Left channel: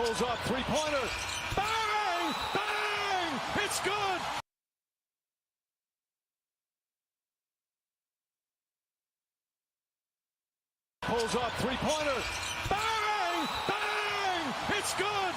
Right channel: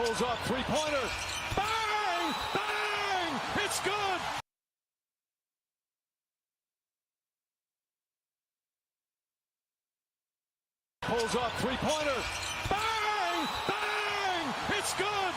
Pulls up, three-pointer. Bang! Bang! It's good! Pulls up, three-pointer. Bang! Bang! It's good!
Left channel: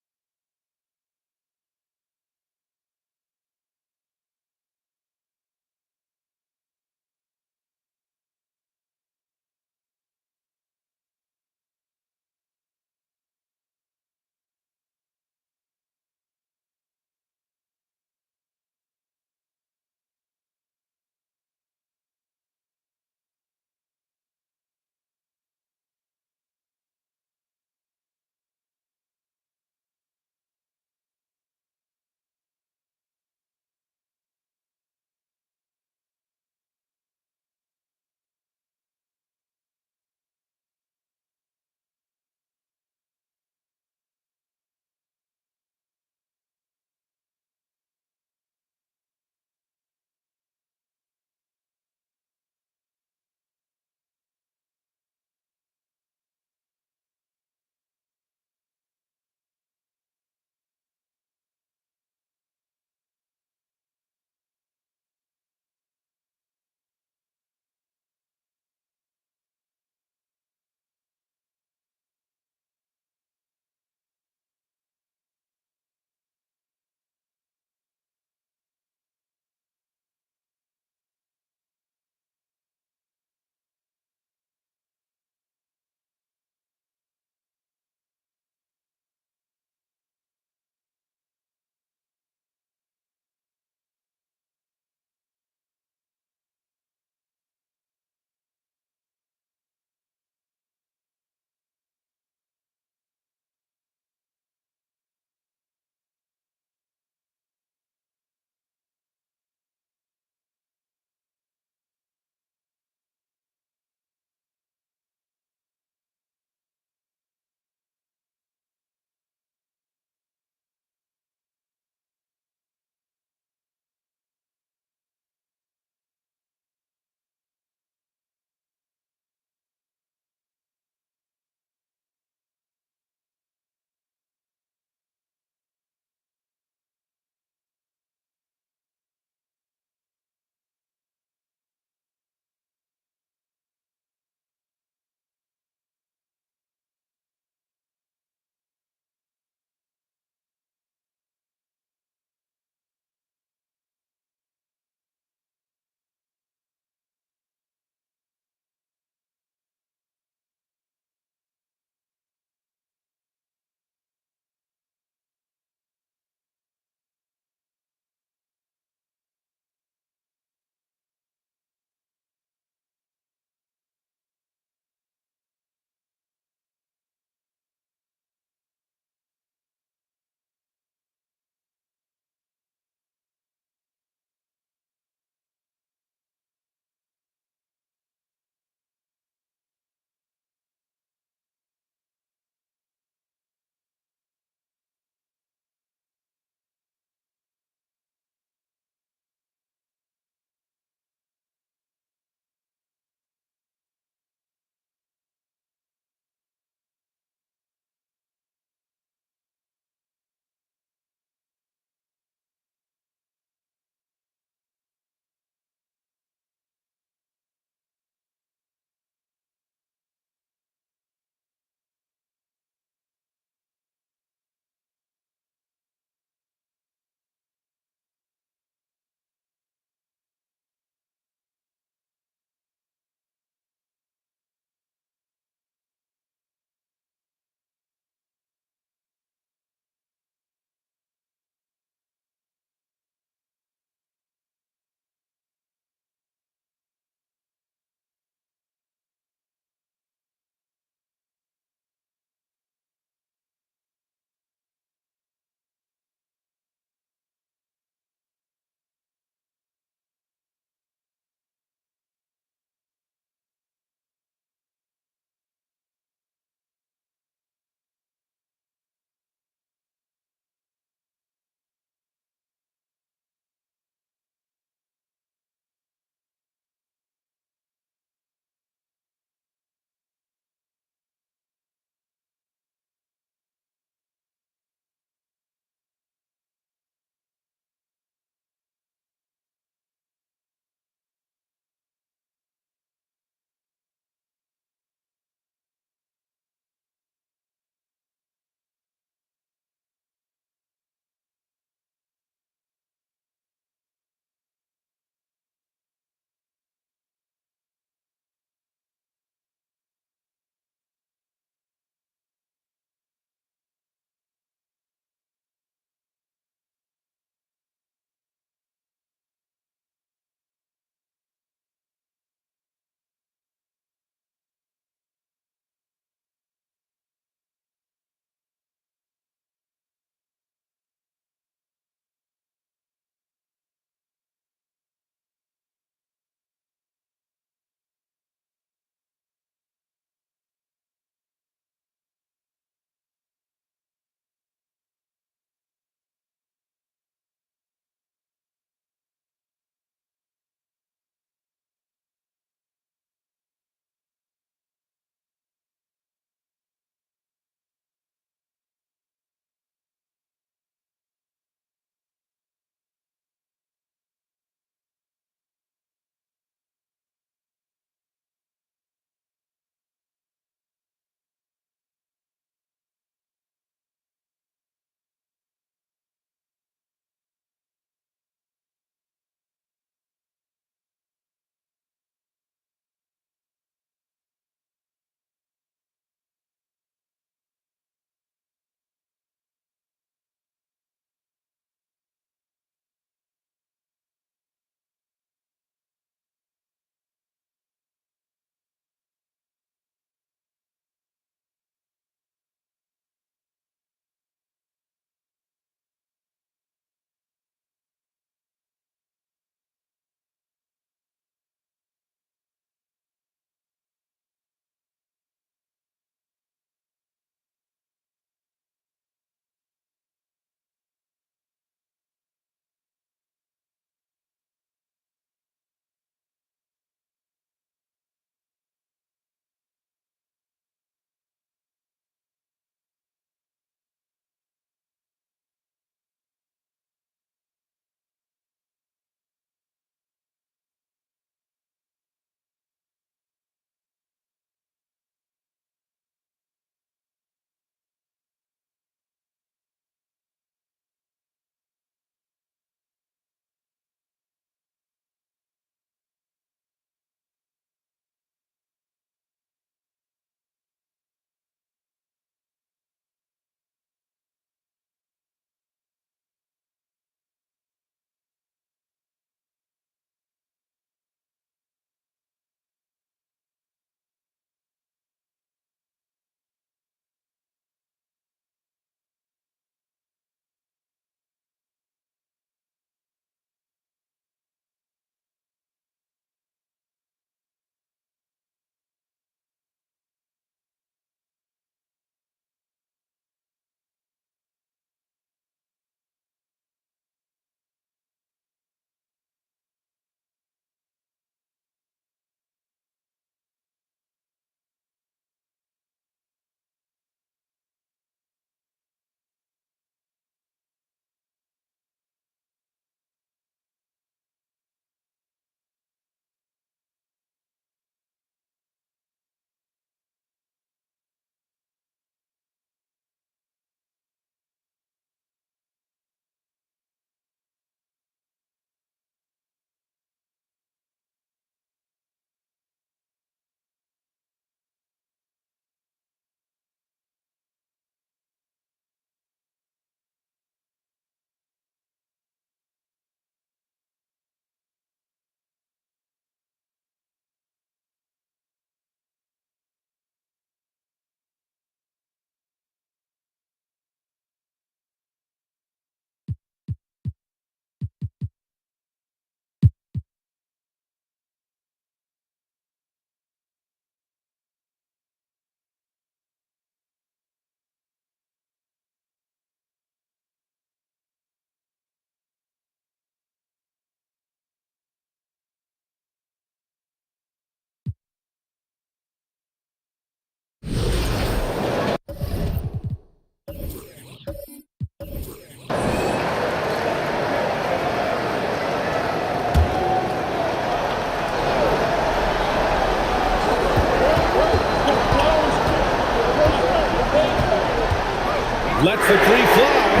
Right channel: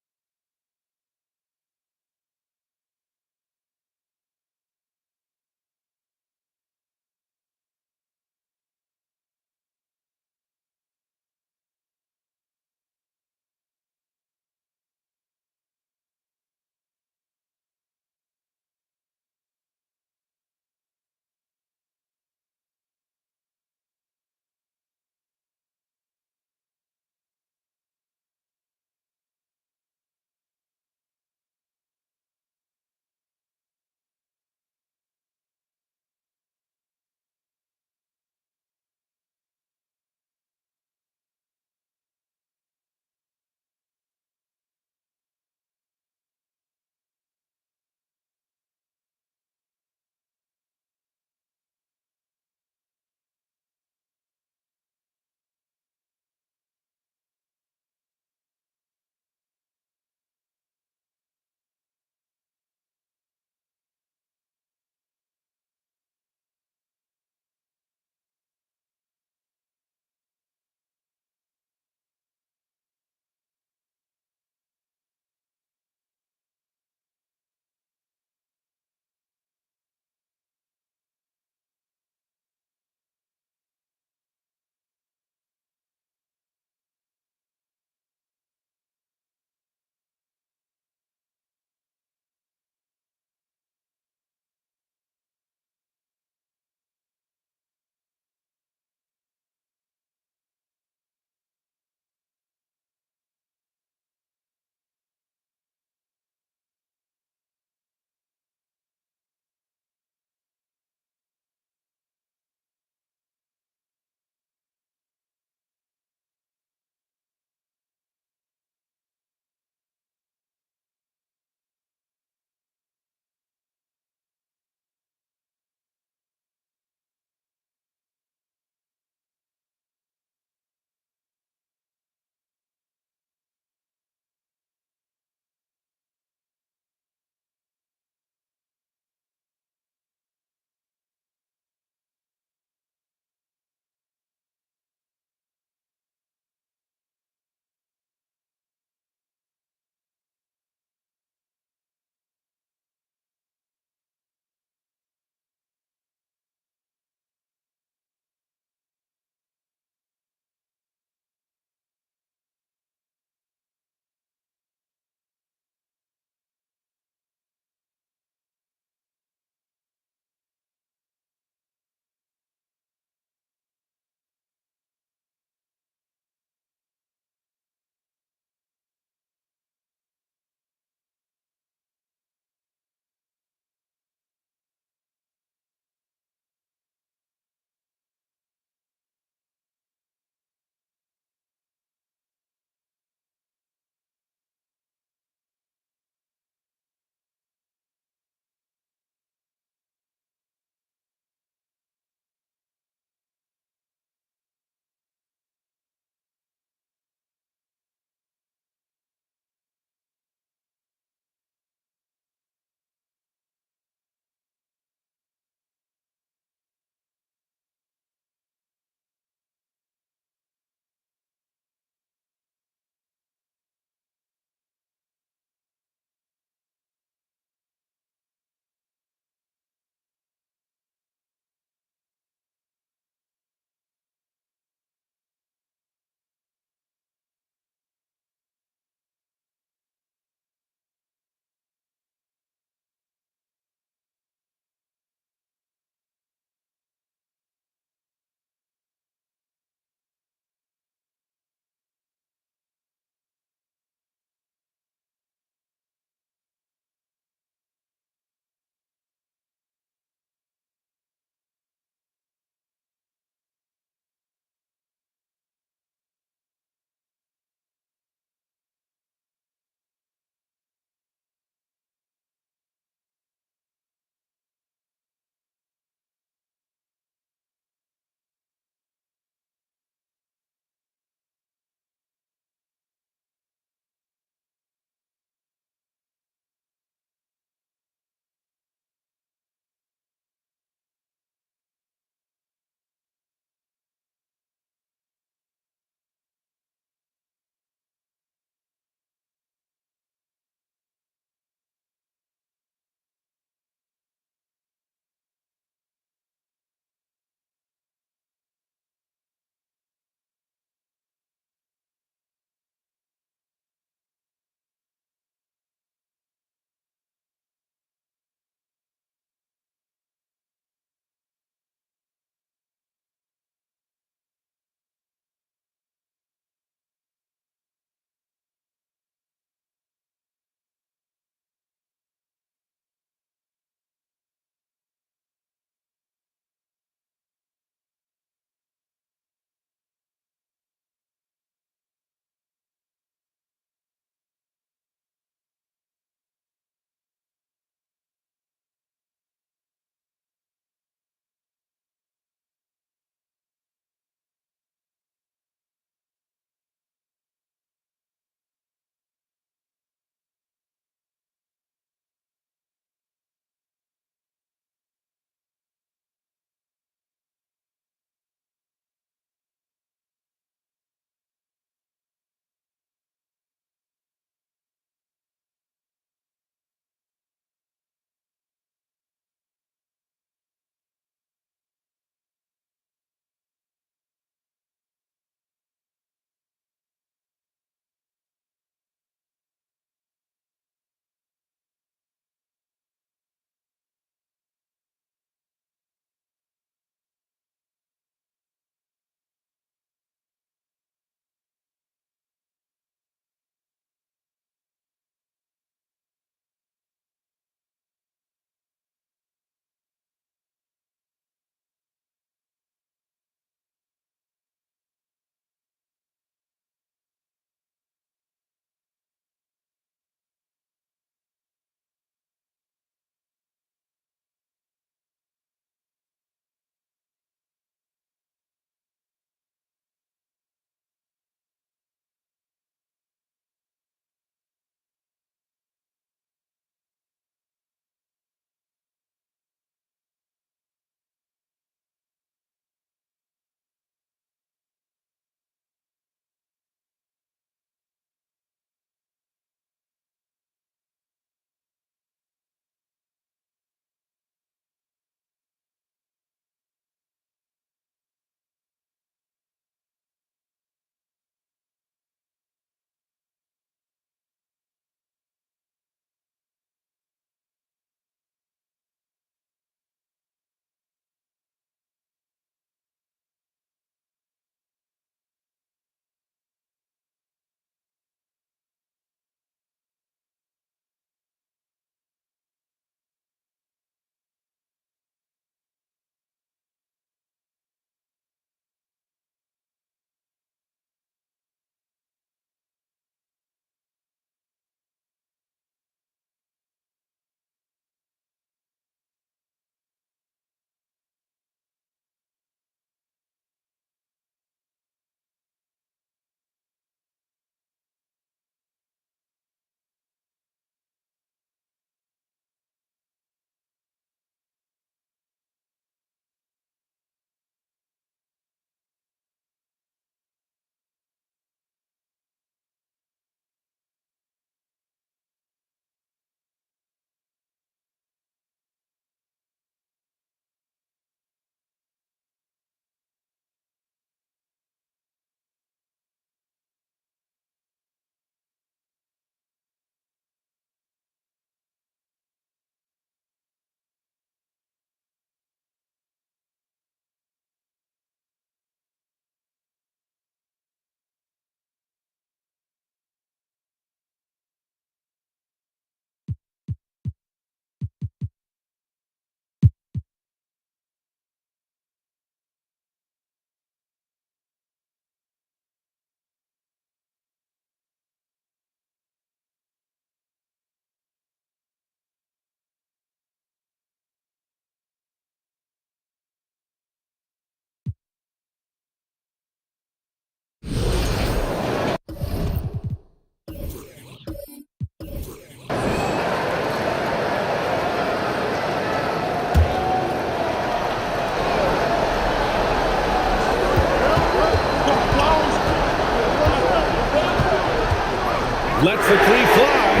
Lets the three fly.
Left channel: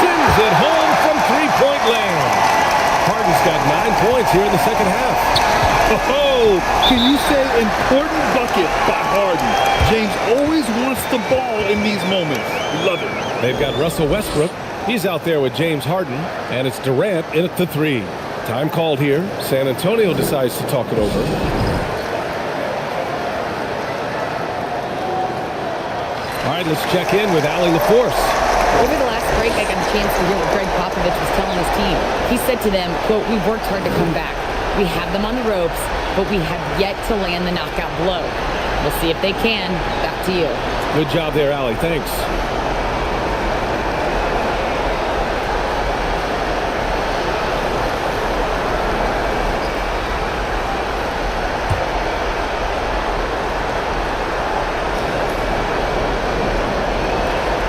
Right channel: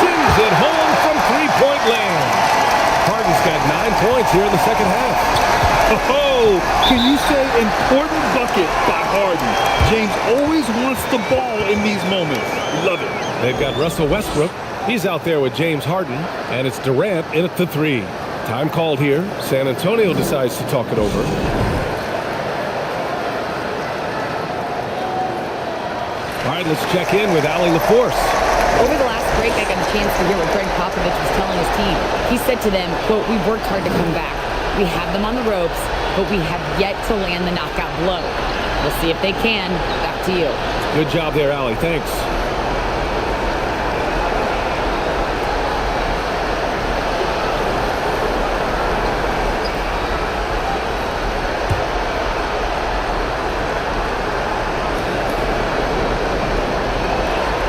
Sends it home from three-point land. Harden's got 9 points here in the second half. Oh, can you say important bucket by Harden? James always wants the ball in these moments. Love it. They've got Russell Westbrook. He's out there with James Harden, and it's Durant in at the three. Time called here. San Antonio decides to talk it over. All right, let's check in with Allie LaForce. Over the last break, I got a chance to hear what Greg Popovich was telling his team. He said to them, quote, "We've worked hard to come back. We have them on the ropes, but we have yet to land the knockout blow. We'll see if they can." Back to you. Good job there, Allie. Thanks.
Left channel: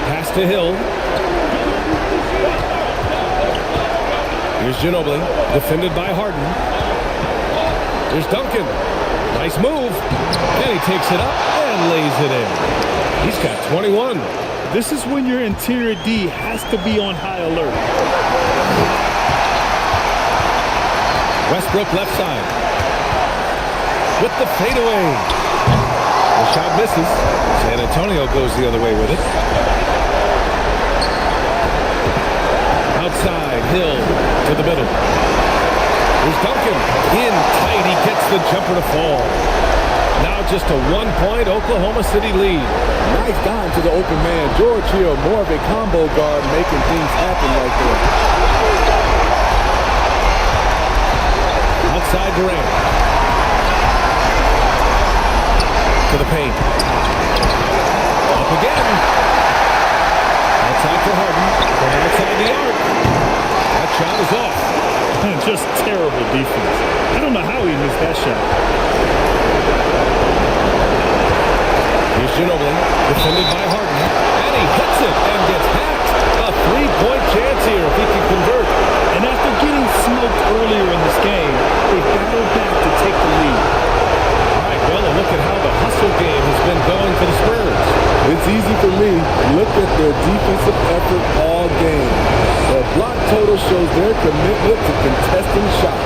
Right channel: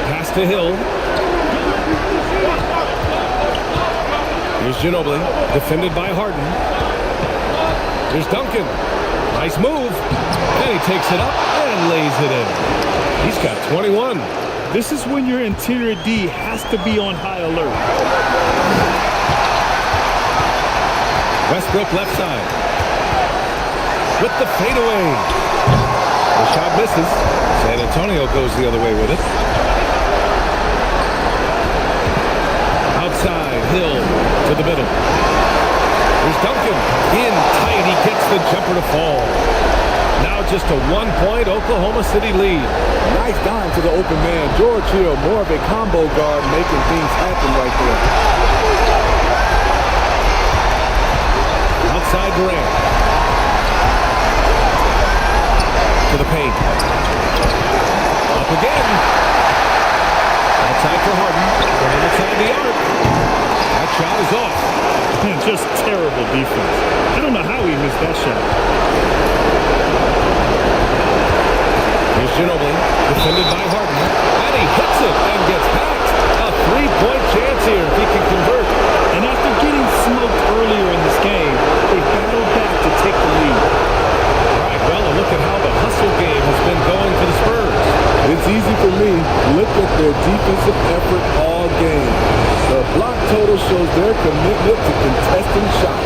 Pass to Hill. Here's Ginobili, defended by Harden. Here's Duncan. Nice move. And he takes it up and lays it in. He's got 21. This is when your interior D has to be on high alert. Westbrook left side. With the fadeaway. The shot misses. San Antonio goes the other way with it. Outside, Hill to the middle. Here's Duncan. In tight, he gets the jumper to fall. Now just a 1-point Oklahoma City lead. Nice dime to the open man. George Hill, more of a combo guard, making things happen right there. Outside Durant. To the paint. Up again. Outside for Harden. From outside the arc. That shot is off. Just terrible defense. I don't know how he missed that shot. Here's Ginobili, defended by Harden. And he hits it and gets packed. A 3-point chance here if he can convert. And after getting smoked earlier in this game, they battled back to take the lead. All right, well, a look at how the hustle game has been going for the Spurs. It's easy for me. Look at their defensive effort all game. The block total shows their commitment to contesting shots.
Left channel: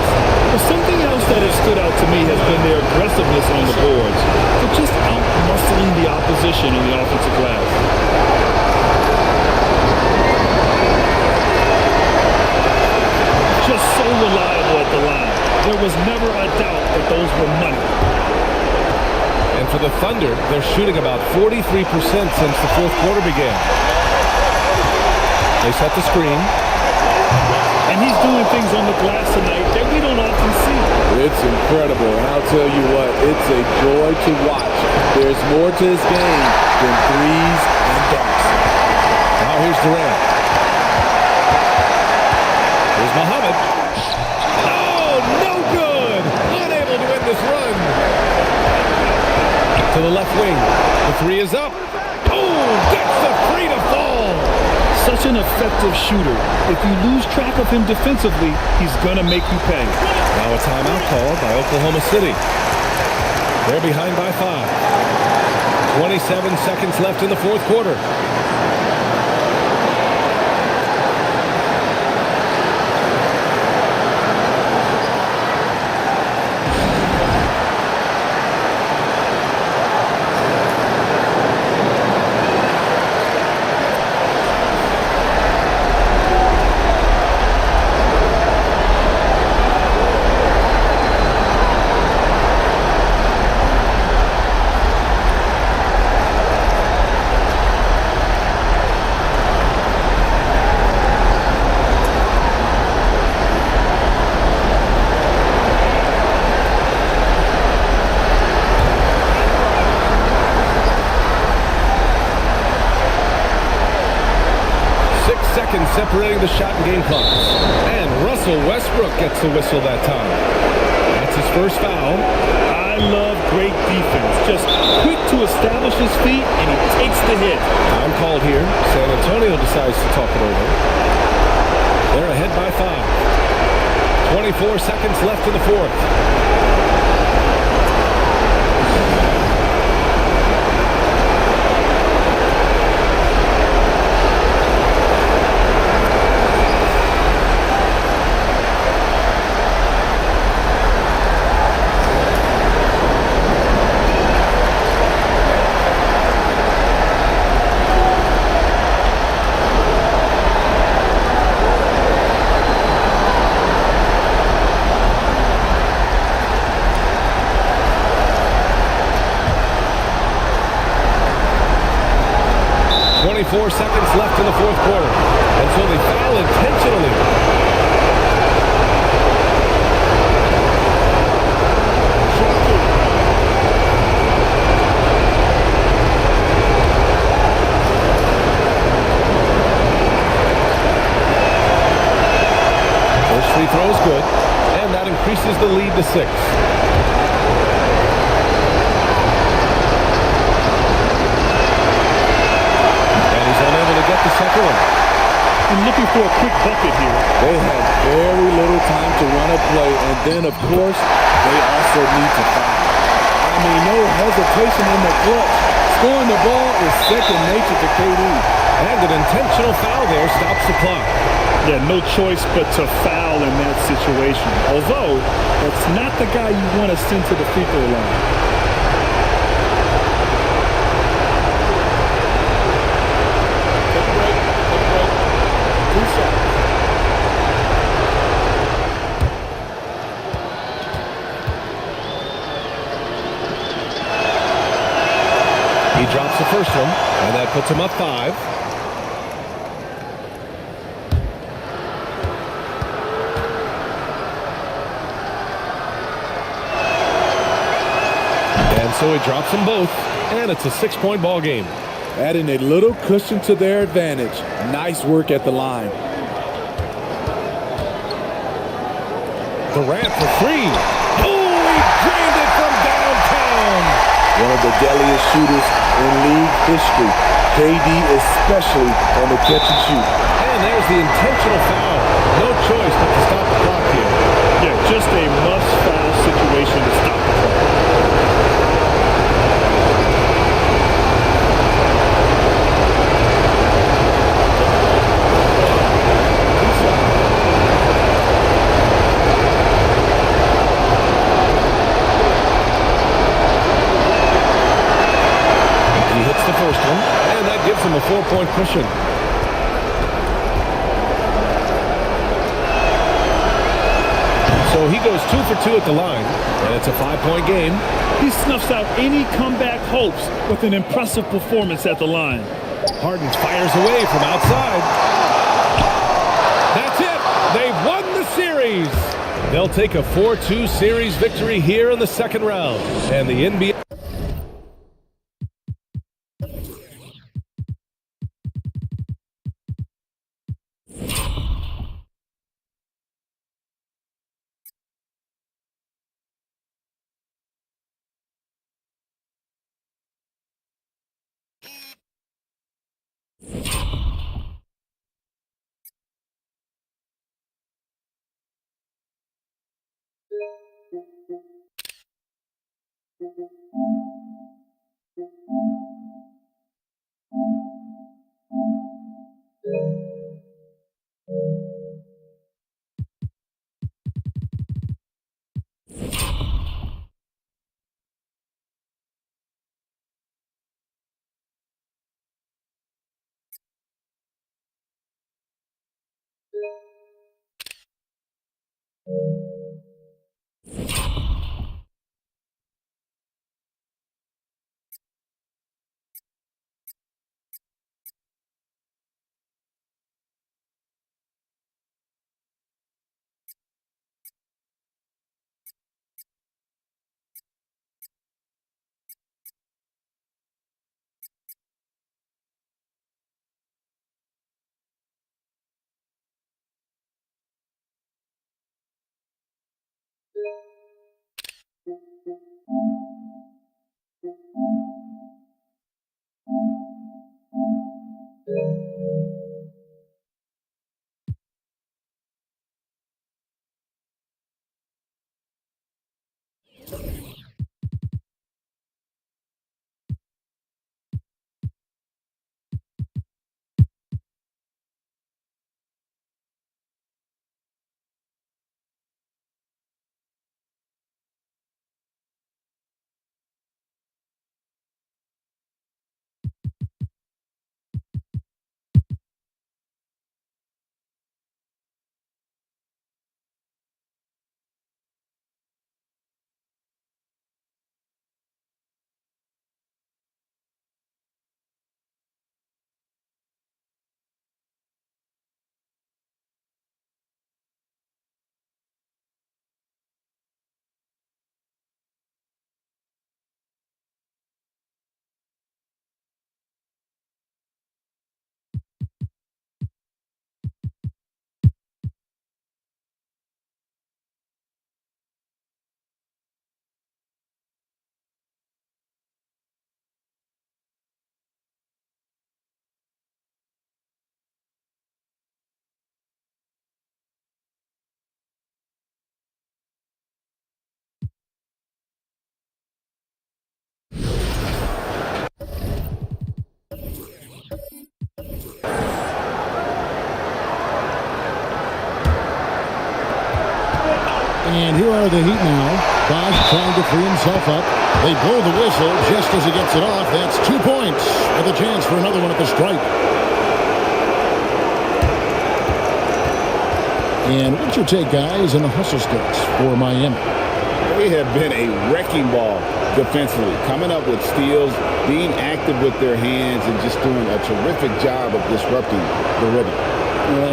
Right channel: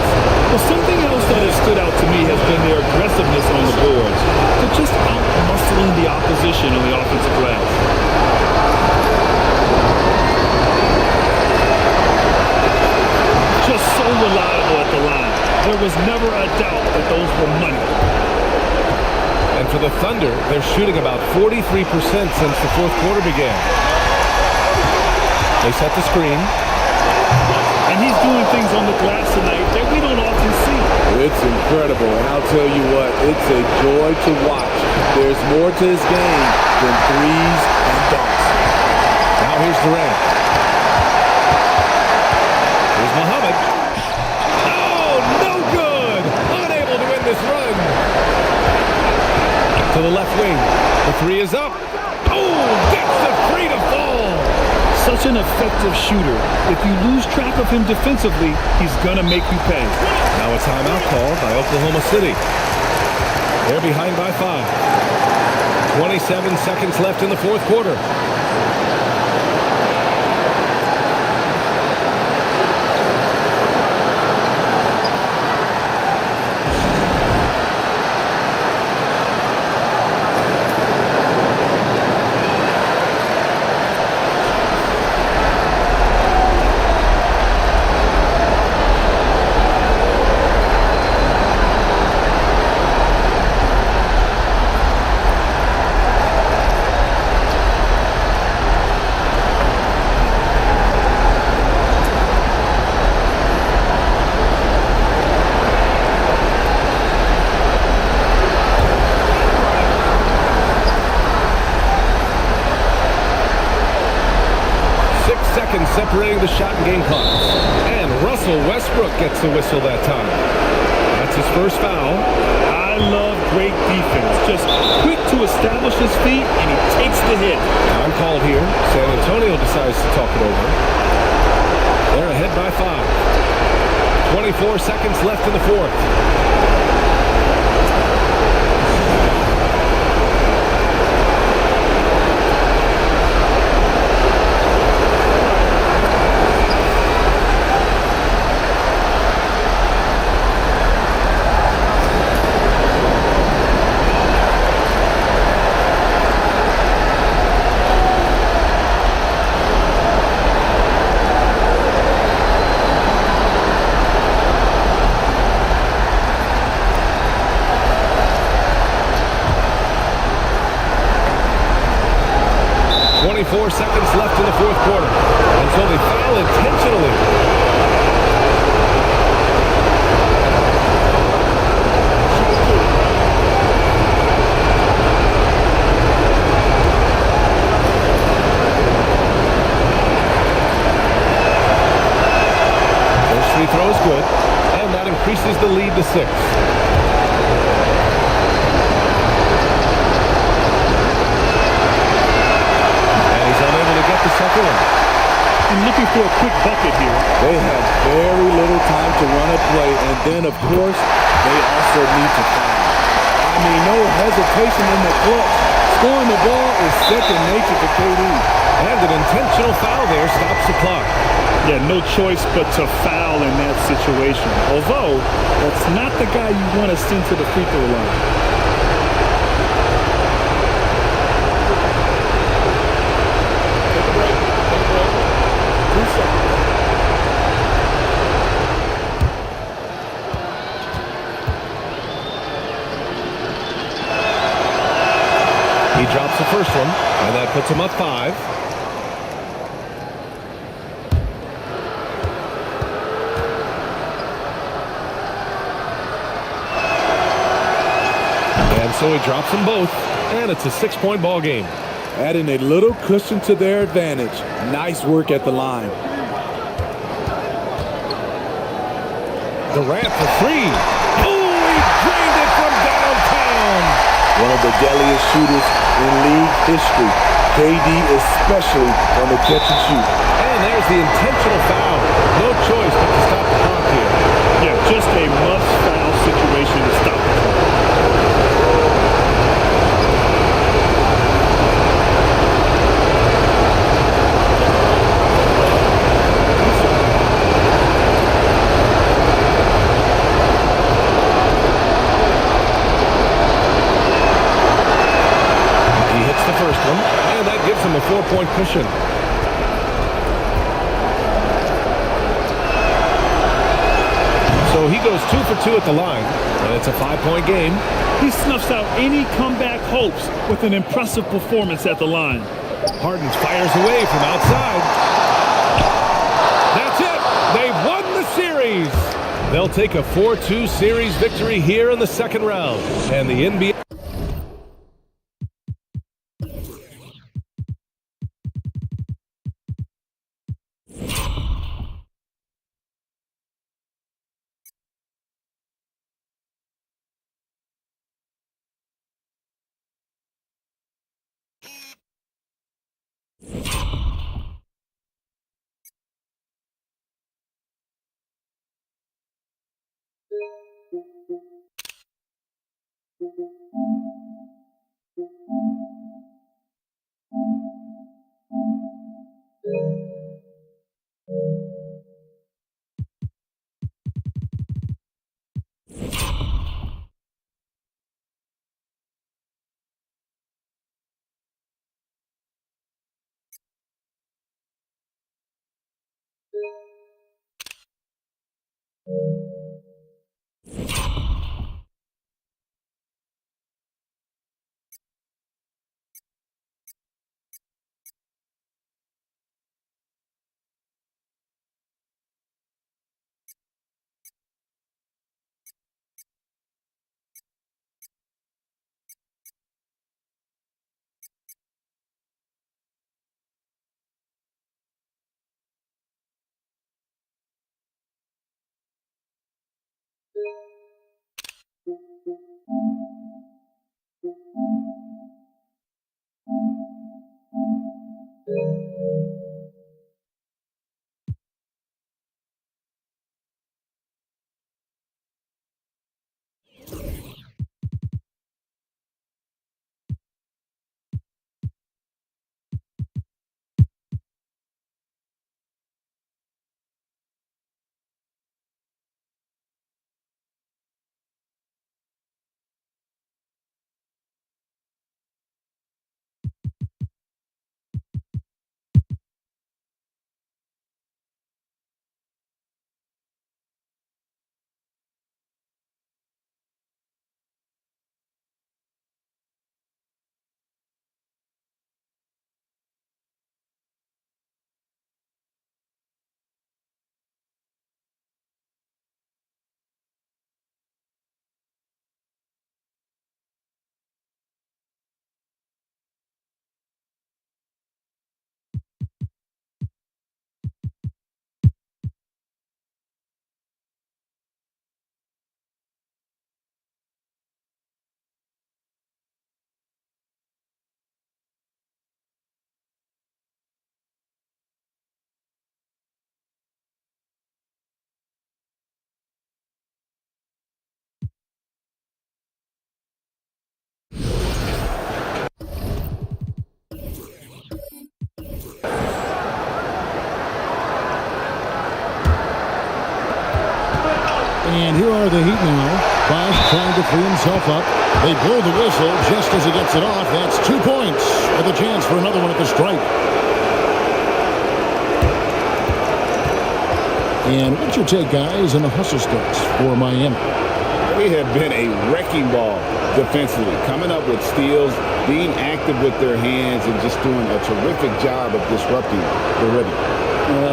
Well, something else that has stood out to me has been their aggressiveness on the boards. They're just out-muscling the opposition on the offensive glass. Just so reliable at the line. There was never a doubt that those were money. And for the Thunder, they're shooting about 43% since the fourth quarter began. They set the screen. And he's doing things on the glass tonight that we don't often see. It's incredible, and I'll tell you what, it's a joy to watch. There's more to his game than threes and dunks. Now here's Durant. Here's Muhammad. Oh, no good! Unable to win this run. To the left wing. The three is up. Oh, gets the three to fall. Such an effective shooter. If you lose track of him defensively, he's going to make you pay. Now a timeout called by Oklahoma City. They're behind by 5. 27 seconds left in the fourth quarter. Seconds separating the shot and game clock. And Russell Westbrook gets the whistle that time. That's his first foul. I love great defense. Just quick to establish his feet, and he takes the hit. Time called here. San Antonio decides to talk it over. They're ahead by 5. 24 seconds left in the fourth. 24 seconds left in the fourth quarter. And so they foul intentionally. First free throw is good, and that increases the lead to 6. And he's unable to get the second one. And looking for a quick bucket here. They have very little time to run a play, and then, of course, they also need to foul. I mean, no hesitation in the clutch. Scoring the ball is second nature to KD. And an intentional foul there stops the clock. Yeah, no choice but to foul in that situation. Although, that's not the guy you want to send to the free throw line. Take a break. Take a break. 2 shots. He drops the first one, and that puts him up 5. And so he drops them both, and it's a 6-point ball game. Adding a little cushion to their advantage. Nice work at the line. Durant for 3. Oh, he drained it from downtown. One of the deadliest shooters in league history. KD especially on the catch and shoot. And there's the intentional foul. No choice but to stop the clock here. Yeah, just a must-foul situation to stop the clock. He hits the first one, and that gives him a 4-point cushion. So he goes 2 for 2 at the line, and it's a 5-point game. He snuffs out any comeback hopes with an impressive performance at the line. Harden fires away from outside. That's it. They've won the series. They'll take a 4-2 series victory here in the second round, and the NBA And here are the Heat now. Bosch trying to free himself up. They blow the whistle just as he gets it off. That's 2 points with a chance for another one at the stripe. And what's your take, guys, on the hustle sticks for Miami? They have been a wrecking ball defensively, coming up with steals, being active with their hands, and just doing a terrific job of disrupting the rhythm.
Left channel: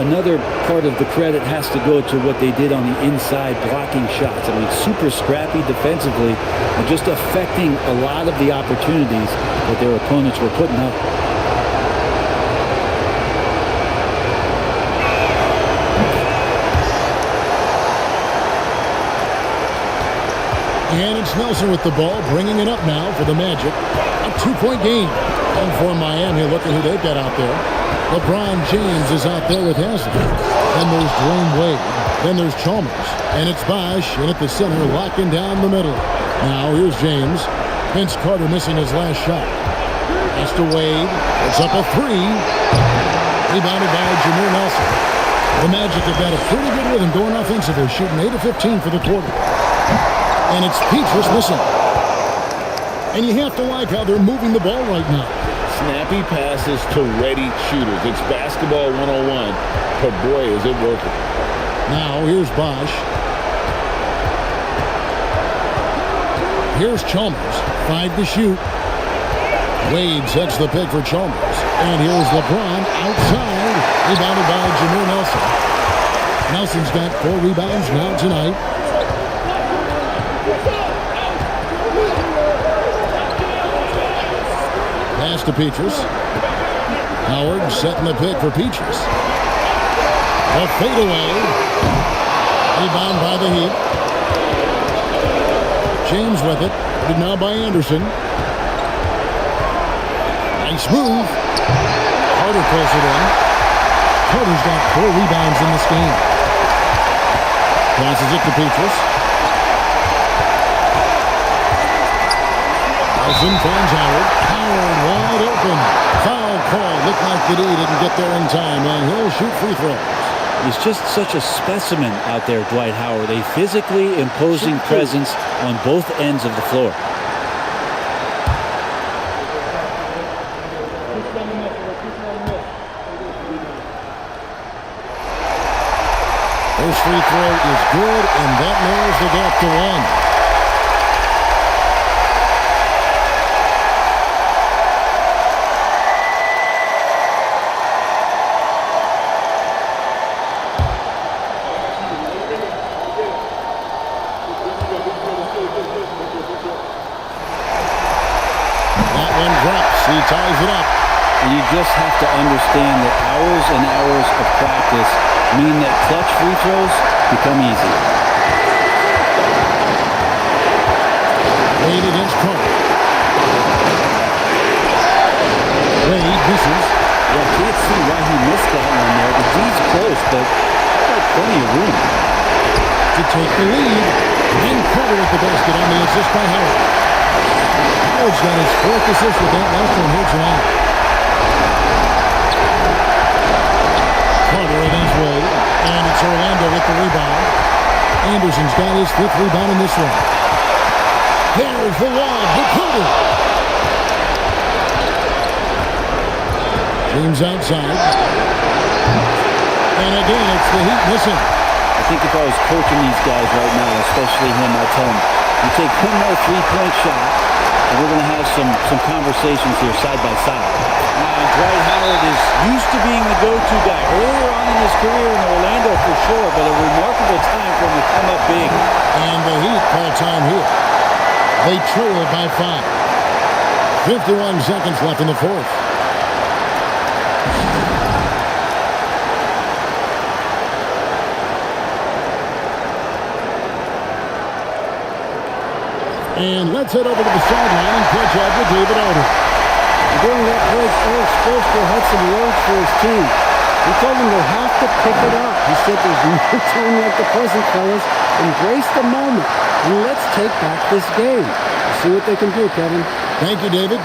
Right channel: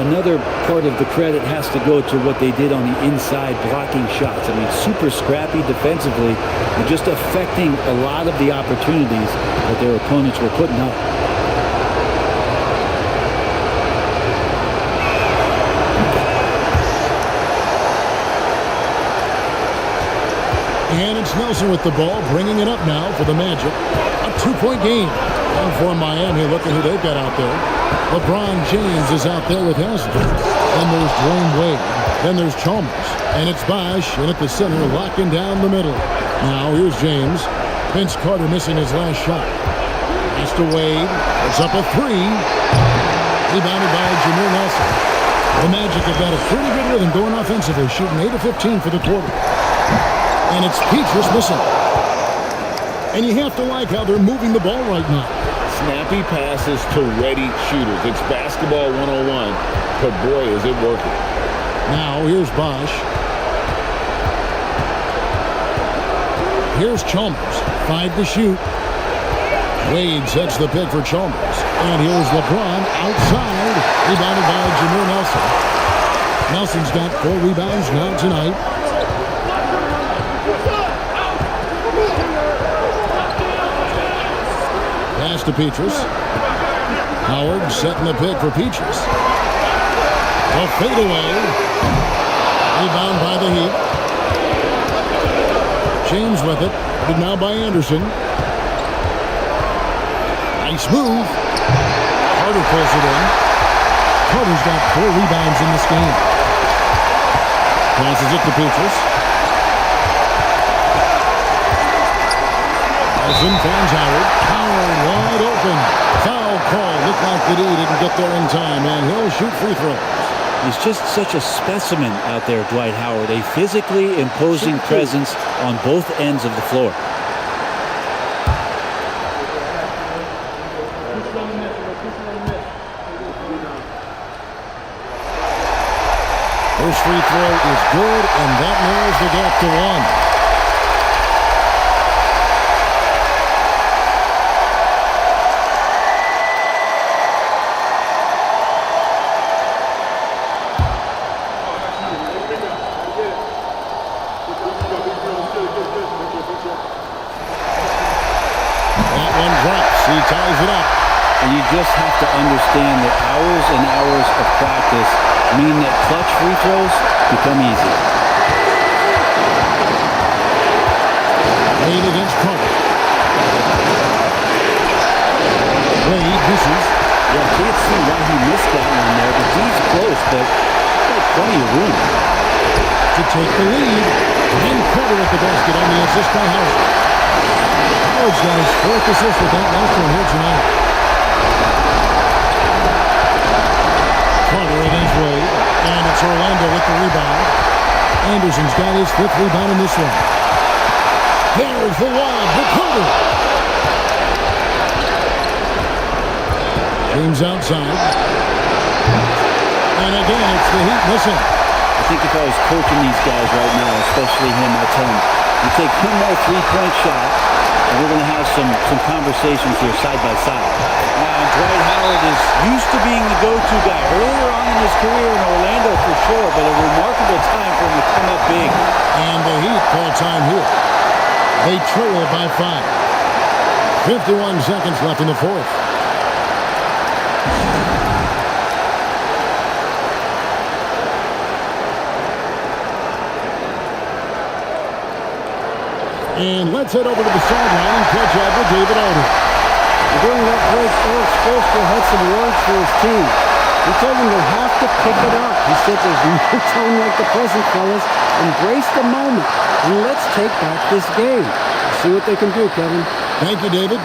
Another part of the credit has to go to what they did on the inside, blocking shots. I mean, super scrappy defensively and just affecting a lot of the opportunities that their opponents were putting up. And it's Nelson with the ball, bringing it up now for the Magic. A 2-point game. And for Miami, look at who they've got out there. LeBron James is out there with Haslem. Then there's Dwayne Wade. Then there's Chalmers. And it's Bosch in at the center, locking down the middle. Now here's James. Vince Carter missing his last shot. Pass to Wade. It's up a 3. Rebounded by Jameer Nelson. The Magic have got a pretty good rhythm going offensively, shooting 8 of 15 for the quarter. And it's Petrus missing. And you have to like how they're moving the ball right now. Snappy passes to ready shooters. It's basketball 101, but boy, is it working. Now here's Bosch. Here's Chalmers. 5 to shoot. Wade sets the pick for Chalmers. And here's LeBron outside. Rebounded by Jameer Nelson. Nelson's got 4 rebounds now tonight. Pass to Petrus. Howard setting the pick for Petrus. A fadeaway. Rebound by the Heat. James with it. But now by Anderson. Nice move. Carter pulls it in. Carter's got 4 rebounds in this game. Passes it to Petrus. Nelson finds Howard. Howard wide open. Foul call. Looked like the D didn't get there in time, and he'll shoot free throws. He's just such a specimen out there, Dwight Howard. A physically imposing presence on both ends of the floor. First free throw is good, and that narrows the gap to 1. That one drops. He ties it up. And you just have to understand that hours and hours of practice mean that clutch free throws become easy. Wade against Carter. Wade misses. Yeah, can't see why he missed that one there. The D's close, but like plenty of room to take the lead. And Carter with the basket on the assist by Howard. Howard's got his 4th assist with that last one here tonight. Carter against Wade. And it's Orlando with the rebound. Anderson's got his 5th rebound in this one. There's the lob to Carter. James outside. And again, it's the Heat missing. I think if I was coaching these guys right now, especially him, I'd tell him, you take one more 3-point shot, and we're going to have some conversations here side by side. Now, Dwight Howard is used to being the go-to guy earlier on in his career in Orlando for sure, but a remarkable time for him to come up big. And the Heat call time here. They trail by 5. 51 seconds left in the 4th. And let's head over to the sideline and catch up with David Alden. During that break, Eric Spoelstra had some words for his team. He told them they have to pick it up. He said there's no time like the present, fellas. Embrace the moment, and let's take back this game. Let's see what they can do, Kevin. Thank you, David.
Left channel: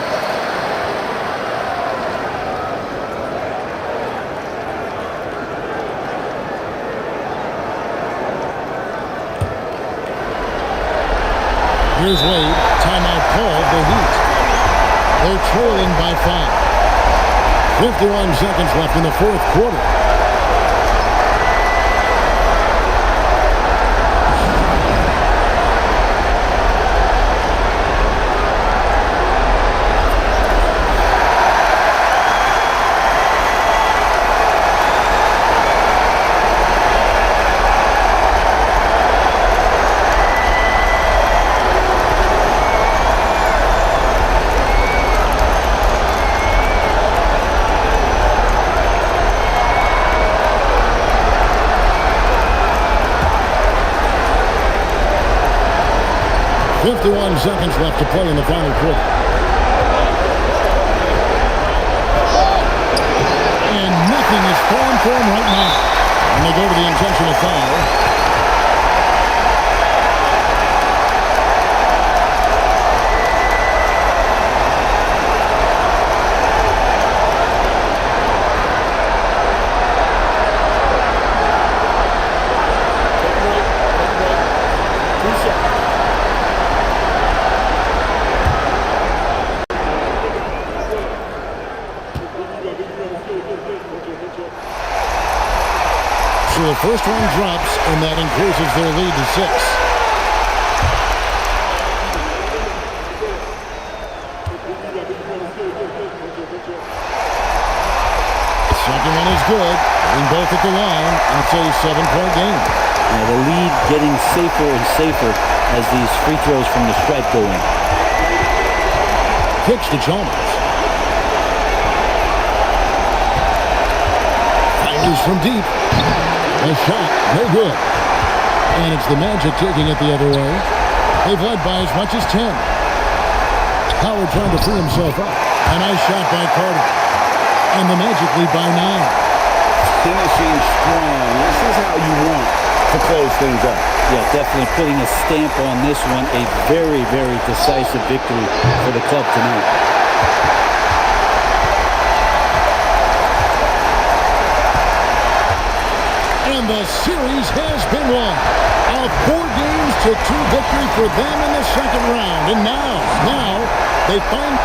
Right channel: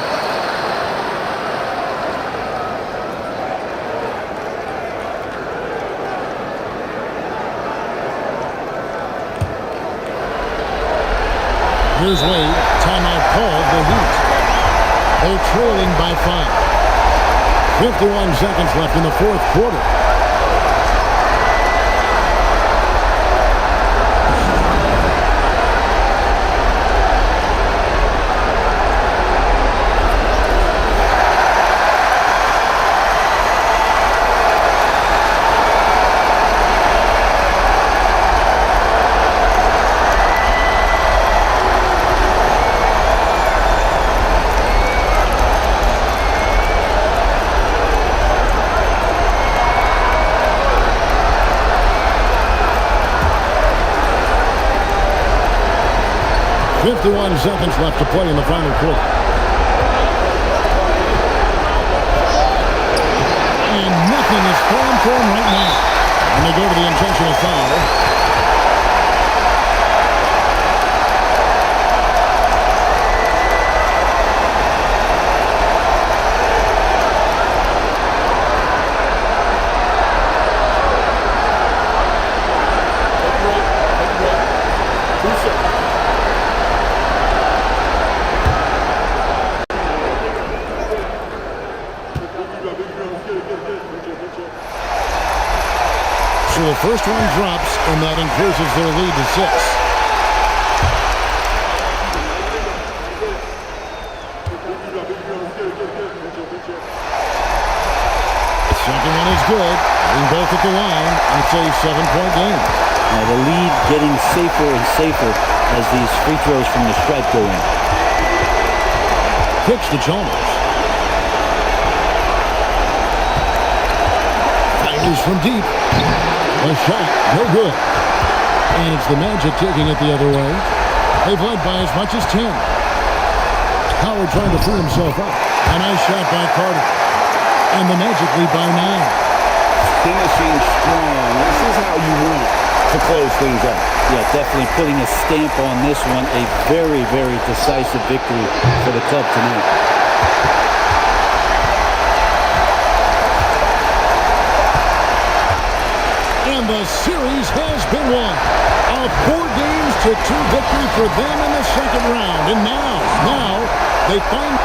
Here's Wade. Timeout called the Heat. They're trailing by 5. 51 seconds left in the fourth quarter. .51 seconds left to play in the final quarter. And nothing is falling for him right now. And they go to the intentional foul. Take a break. Take a break. 2 shots. So the first one drops, and that increases their lead to 6. Second one is good. Being both at the line, and it's a 7-point game. Yeah, the lead getting safer and safer as these free throws from the stripe go in. Kicks to Chalmers. Fires from deep. A shot, no good. And it's the Magic taking it the other way. They've led by as much as 10. Howard trying to free himself up. A nice shot by Carter. And the Magic lead by 9. Finishing strong. This is how you want to close things out. Yeah, definitely putting a stamp on this one. A very, very decisive victory for the club tonight. And the series has been won. A 4-2 victory for them in the second round. And now they find...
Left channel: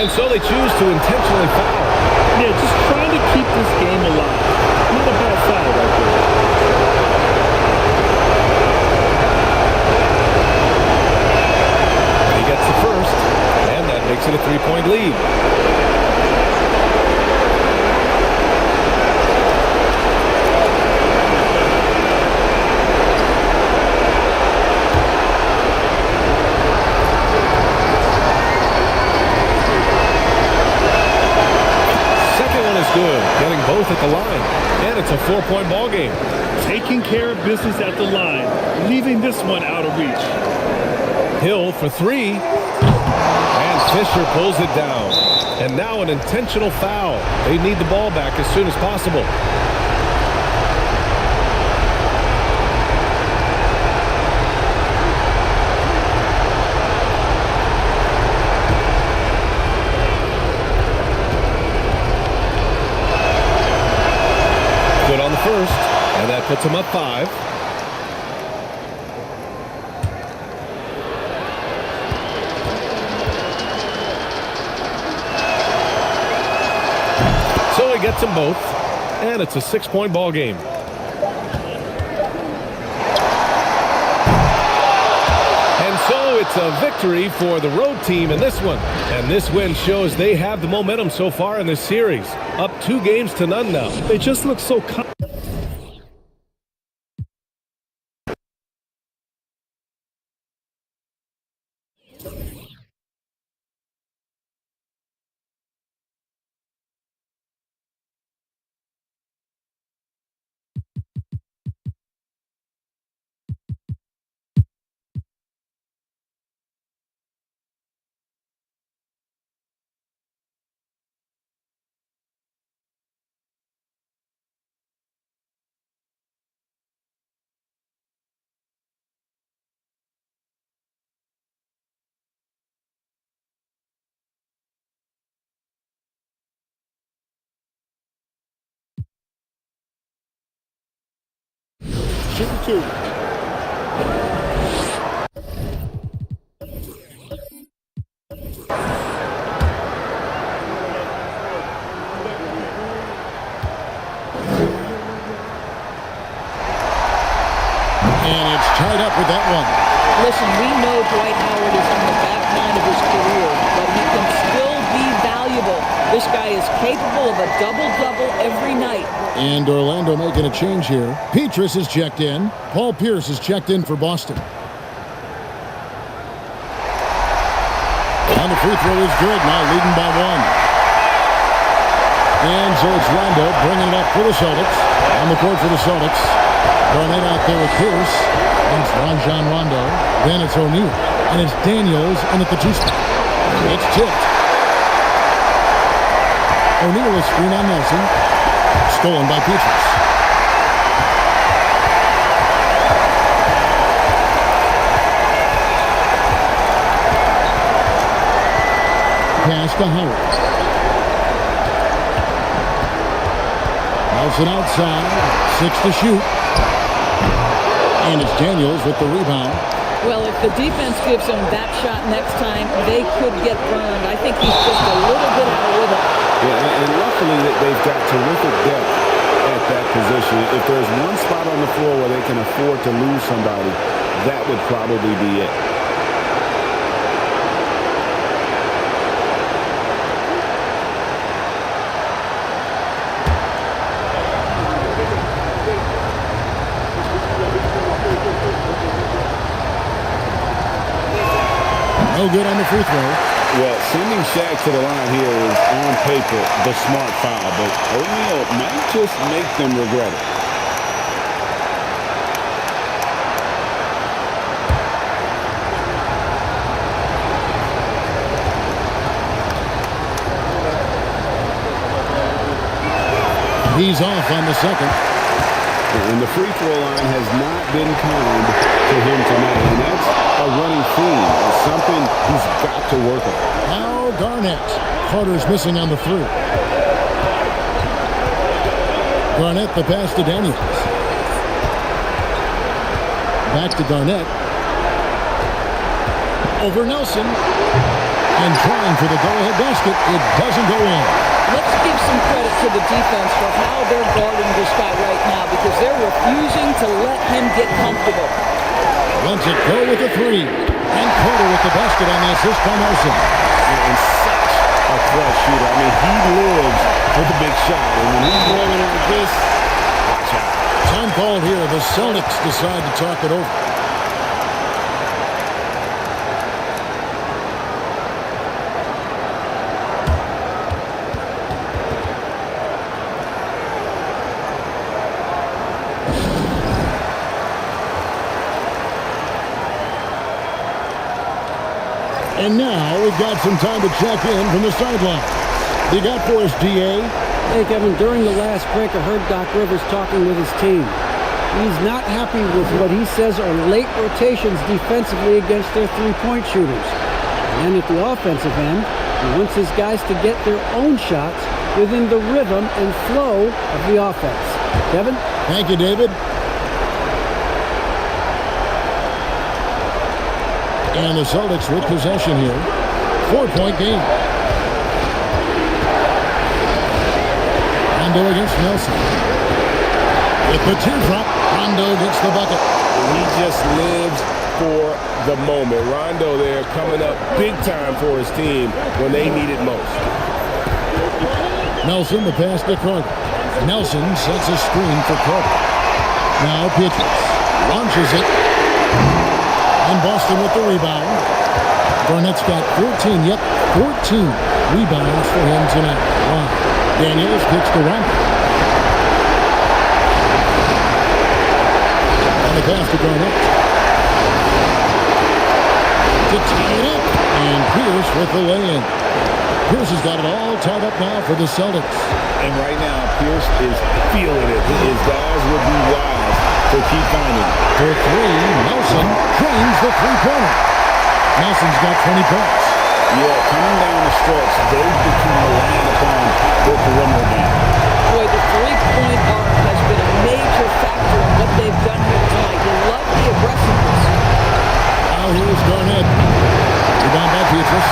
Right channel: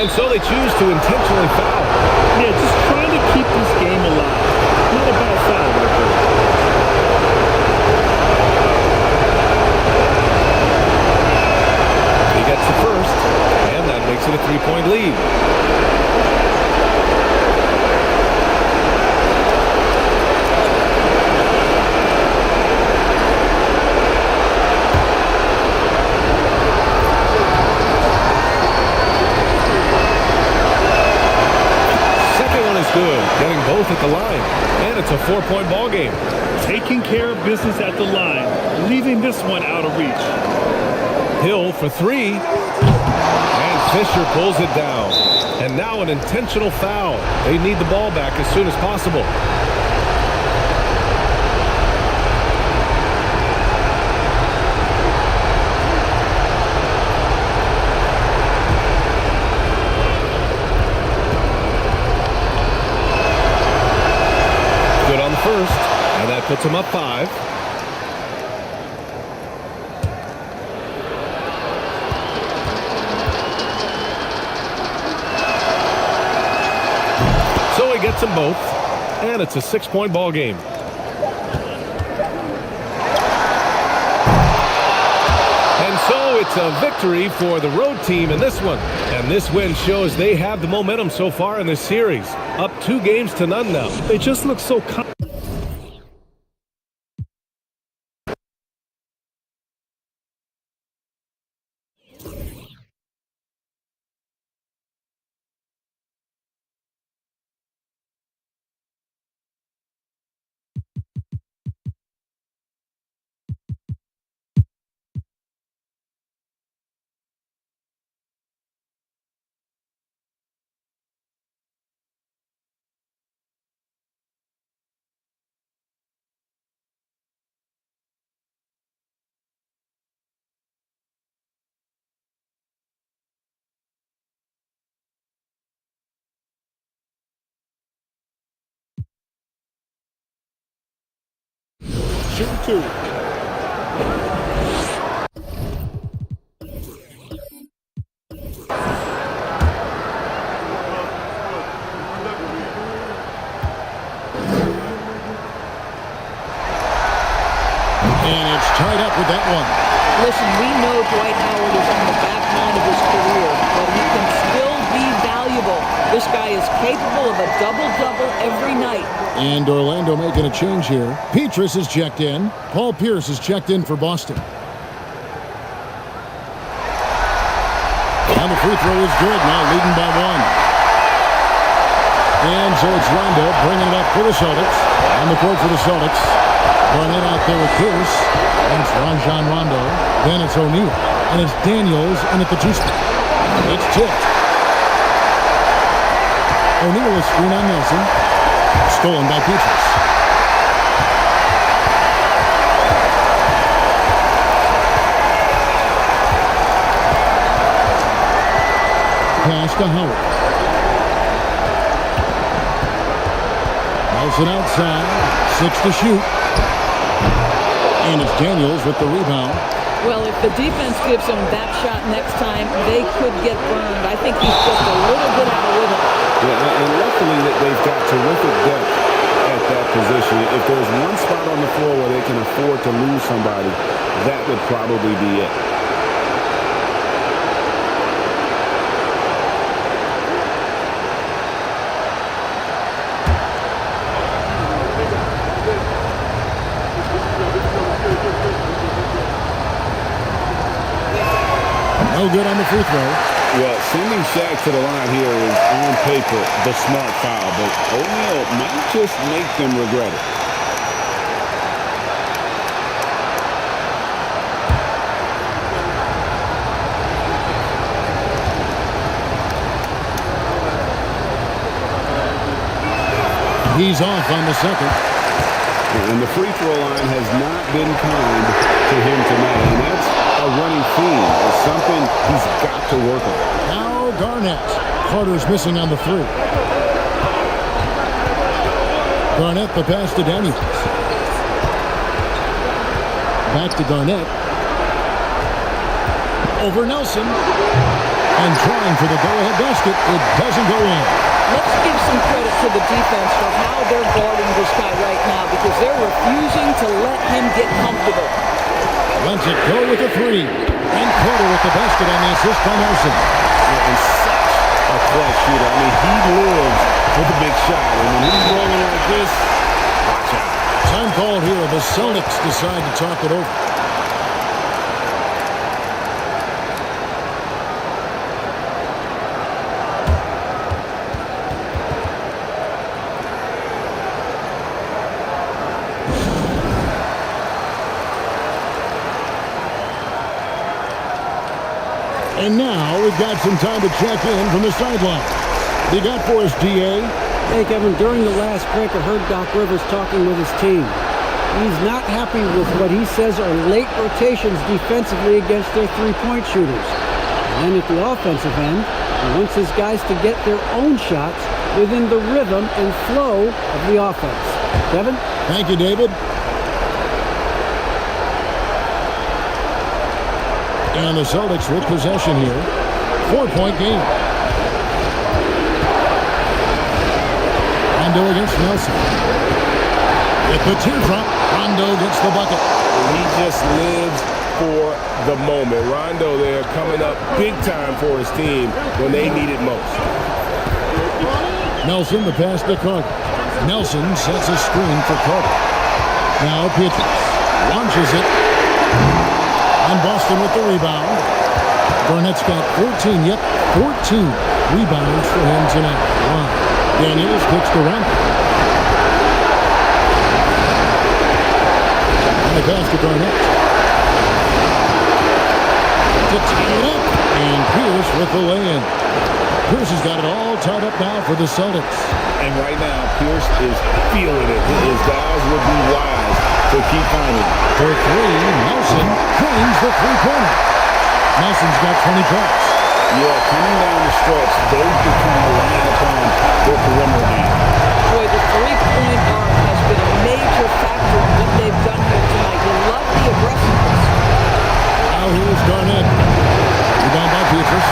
And so they choose to intentionally foul. Yeah, just trying to keep this game alive. Not a bad foul right there. He gets the first, and that makes it a 3-point lead. Second one is good, getting both at the line, and it's a 4-point ball game. Taking care of business at the line, leaving this one out of reach. Hill for three, and Fisher pulls it down. And now an intentional foul. They need the ball back as soon as possible. Good on the first, and that puts him up 5. So he gets them both, and it's a 6-point ball game. And so it's a victory for the road team in this one. And this win shows they have the momentum so far in this series. Up 2-0 now. They just look so Shoot 2. And it's tied up with that one. Listen, we know Dwight Howard is on the back nine of his career, but he can still be valuable. This guy is capable of a double-double every night. And Orlando making a change here. Petrus is checked in. Paul Pierce is checked in for Boston. Now the free throw is good, now leading by 1. And so it's Rondo bringing it up for the Celtics. On the court for the Celtics. Garnett out there with Pierce. And it's Rajon Rondo. Then it's O'Neal. And it's Daniels in at the 2 spot. It's tipped. O'Neal is screen on Nelson. Stolen by Petrus. Pass to Howard. Nelson outside. 6 to shoot. And it's Daniels with the rebound. Well, if the defense gives him that shot next time, they could get burned. I think he's just a little bit out of rhythm. Yeah, and luckily they've got terrific depth at that position. If there's one spot on the floor where they can afford to lose somebody, that would probably be it. No good on the free throw. Well, sending Shaq to the line here is on paper the smart foul, but O'Neal might just make them regret it. He's off on the second. And the free throw line has not been kind to him tonight, and that's a running theme. It's something he's got to work on. Now Garnett. Carter's missing on the 3. Garnett the pass to Daniels. Back to Garnett. Over Nelson. And trying for the go-ahead basket. It doesn't go in. Let's give some credit to the defense for how they're guarding this guy right now because they're refusing to let him get comfortable. Lets it go with a three. And Carter with the basket on the assist by Nelson. Yeah, and such a clutch shooter. I mean, he lives for the big shot. And when he's rolling like this, watch out. Time called here. The Celtics decide to talk it over. And now we've got some time to check in from the sideline. You got for us, DA? Hey, Kevin, during the last break, I heard Doc Rivers talking with his team. He's not happy with what he says are late rotations defensively against their three-point shooters. And then at the offensive end, he wants his guys to get their own shots within the rhythm and flow of the offense. Kevin? Thank you, David. And the Celtics with possession here. 4-point game. Rondo against Nelson. With the teardrop, Rondo gets the bucket. He just lives for the moment. Rondo there coming up big time for his team when they need it most. Nelson, the pass to Carter. Nelson sets a screen for Carter. Now Pt.2 launches it. And Boston with the rebound. Garnett's got 14 rebounds for him tonight. Wow. Daniels kicks to Rondo. And the pass to Garnett. To tie it up. And Pierce with the lay-in. Pierce has got it all tied up now for the Celtics. And right now, Pierce is feeling it. His guys would be wise to keep finding it. For three, Nelson drains the three-pointer. Nelson's got 20 points. Yeah, coming down the stretch, they've become reliant upon their perimeter game. Boy, the three-point arc has been a major factor in what they've done here tonight. You love the aggressiveness. Now here's Garnett. Rebound by Pietrus.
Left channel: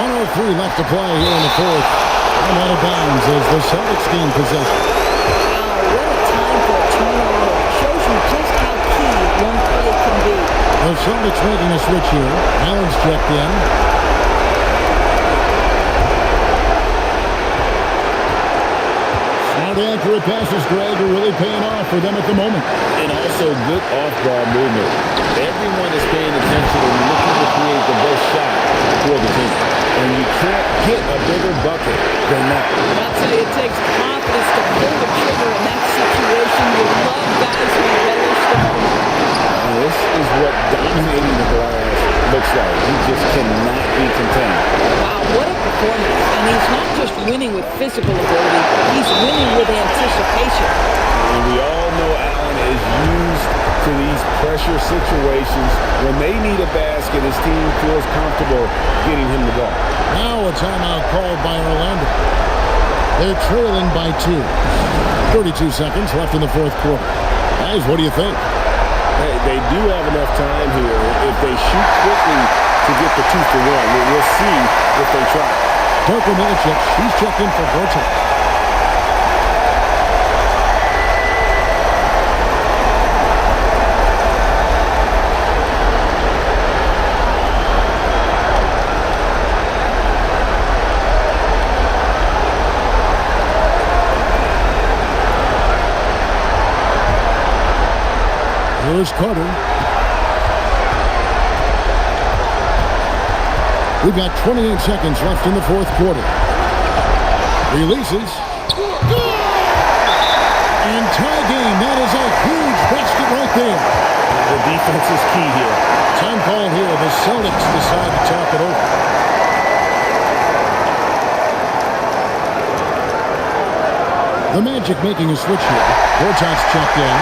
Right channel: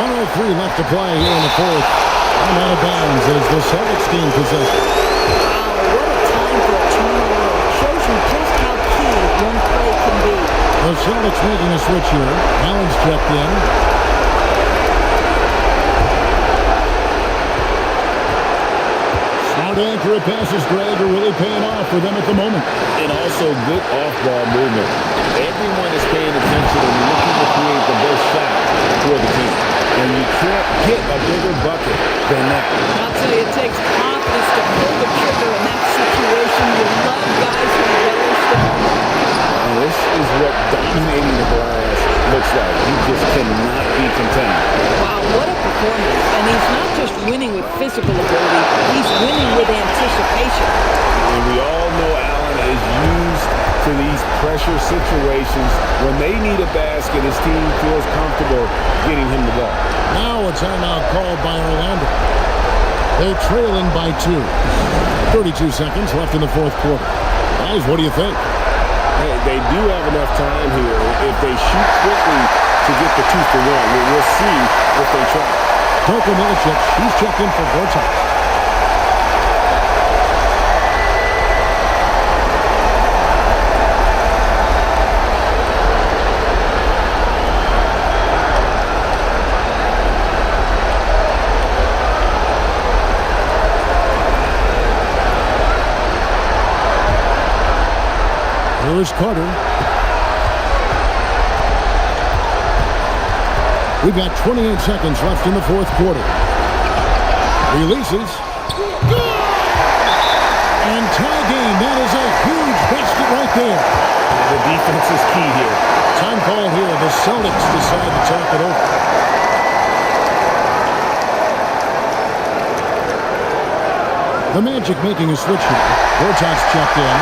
1:03 left to play here in the fourth. And out of bounds as the Celtics gain possession. Wow, what a time for a turnover. Shows you just how key one play can be. The Celtics making a switch here. Allen's checked in. Smart, accurate passes, Greg, are really paying off for them at the moment. And also good off-ball movement. Everyone is paying attention and looking to create the best shot for the team. And you can't get a bigger bucket than that. I'll tell you, it takes confidence to pull the trigger in that situation. You love guys who relish the moment. And this is what dominating the glass looks like. He just cannot be contained. Wow, what a performance. And he's not just winning with physical ability, he's winning with anticipation. And we all know Allen is used to these pressure situations. When they need a basket, his team feels comfortable getting him the ball. Now a timeout called by Orlando. They're trailing by 2. 32 seconds left in the fourth quarter. Guys, what do you think? Hey, they do have enough time here. If they shoot quickly to get the 2 for 1, we'll see if they try. Darko Milicic, she's checked in for Gortat. Here is Carter. We've got 28 seconds left in the fourth quarter. Releases. Good! And tie game. That is a huge basket right there. The defense is key here. Time called here. The Celtics decide to talk it over. The Magic making a switch here. Gortat's checked in.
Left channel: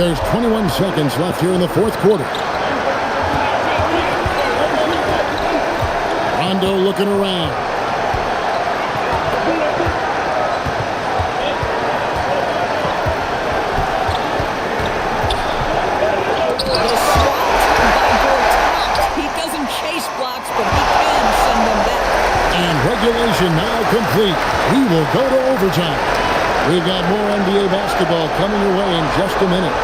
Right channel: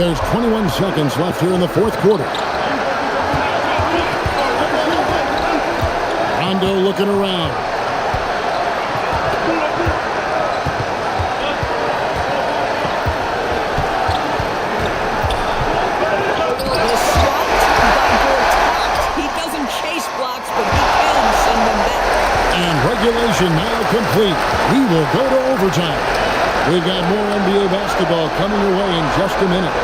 There's 21 seconds left here in the fourth quarter. Rondo looking around. The swat by Gortat. He doesn't chase blocks, but he can send them back. And regulation now complete. We will go to overtime. We've got more NBA basketball coming your way in just a minute.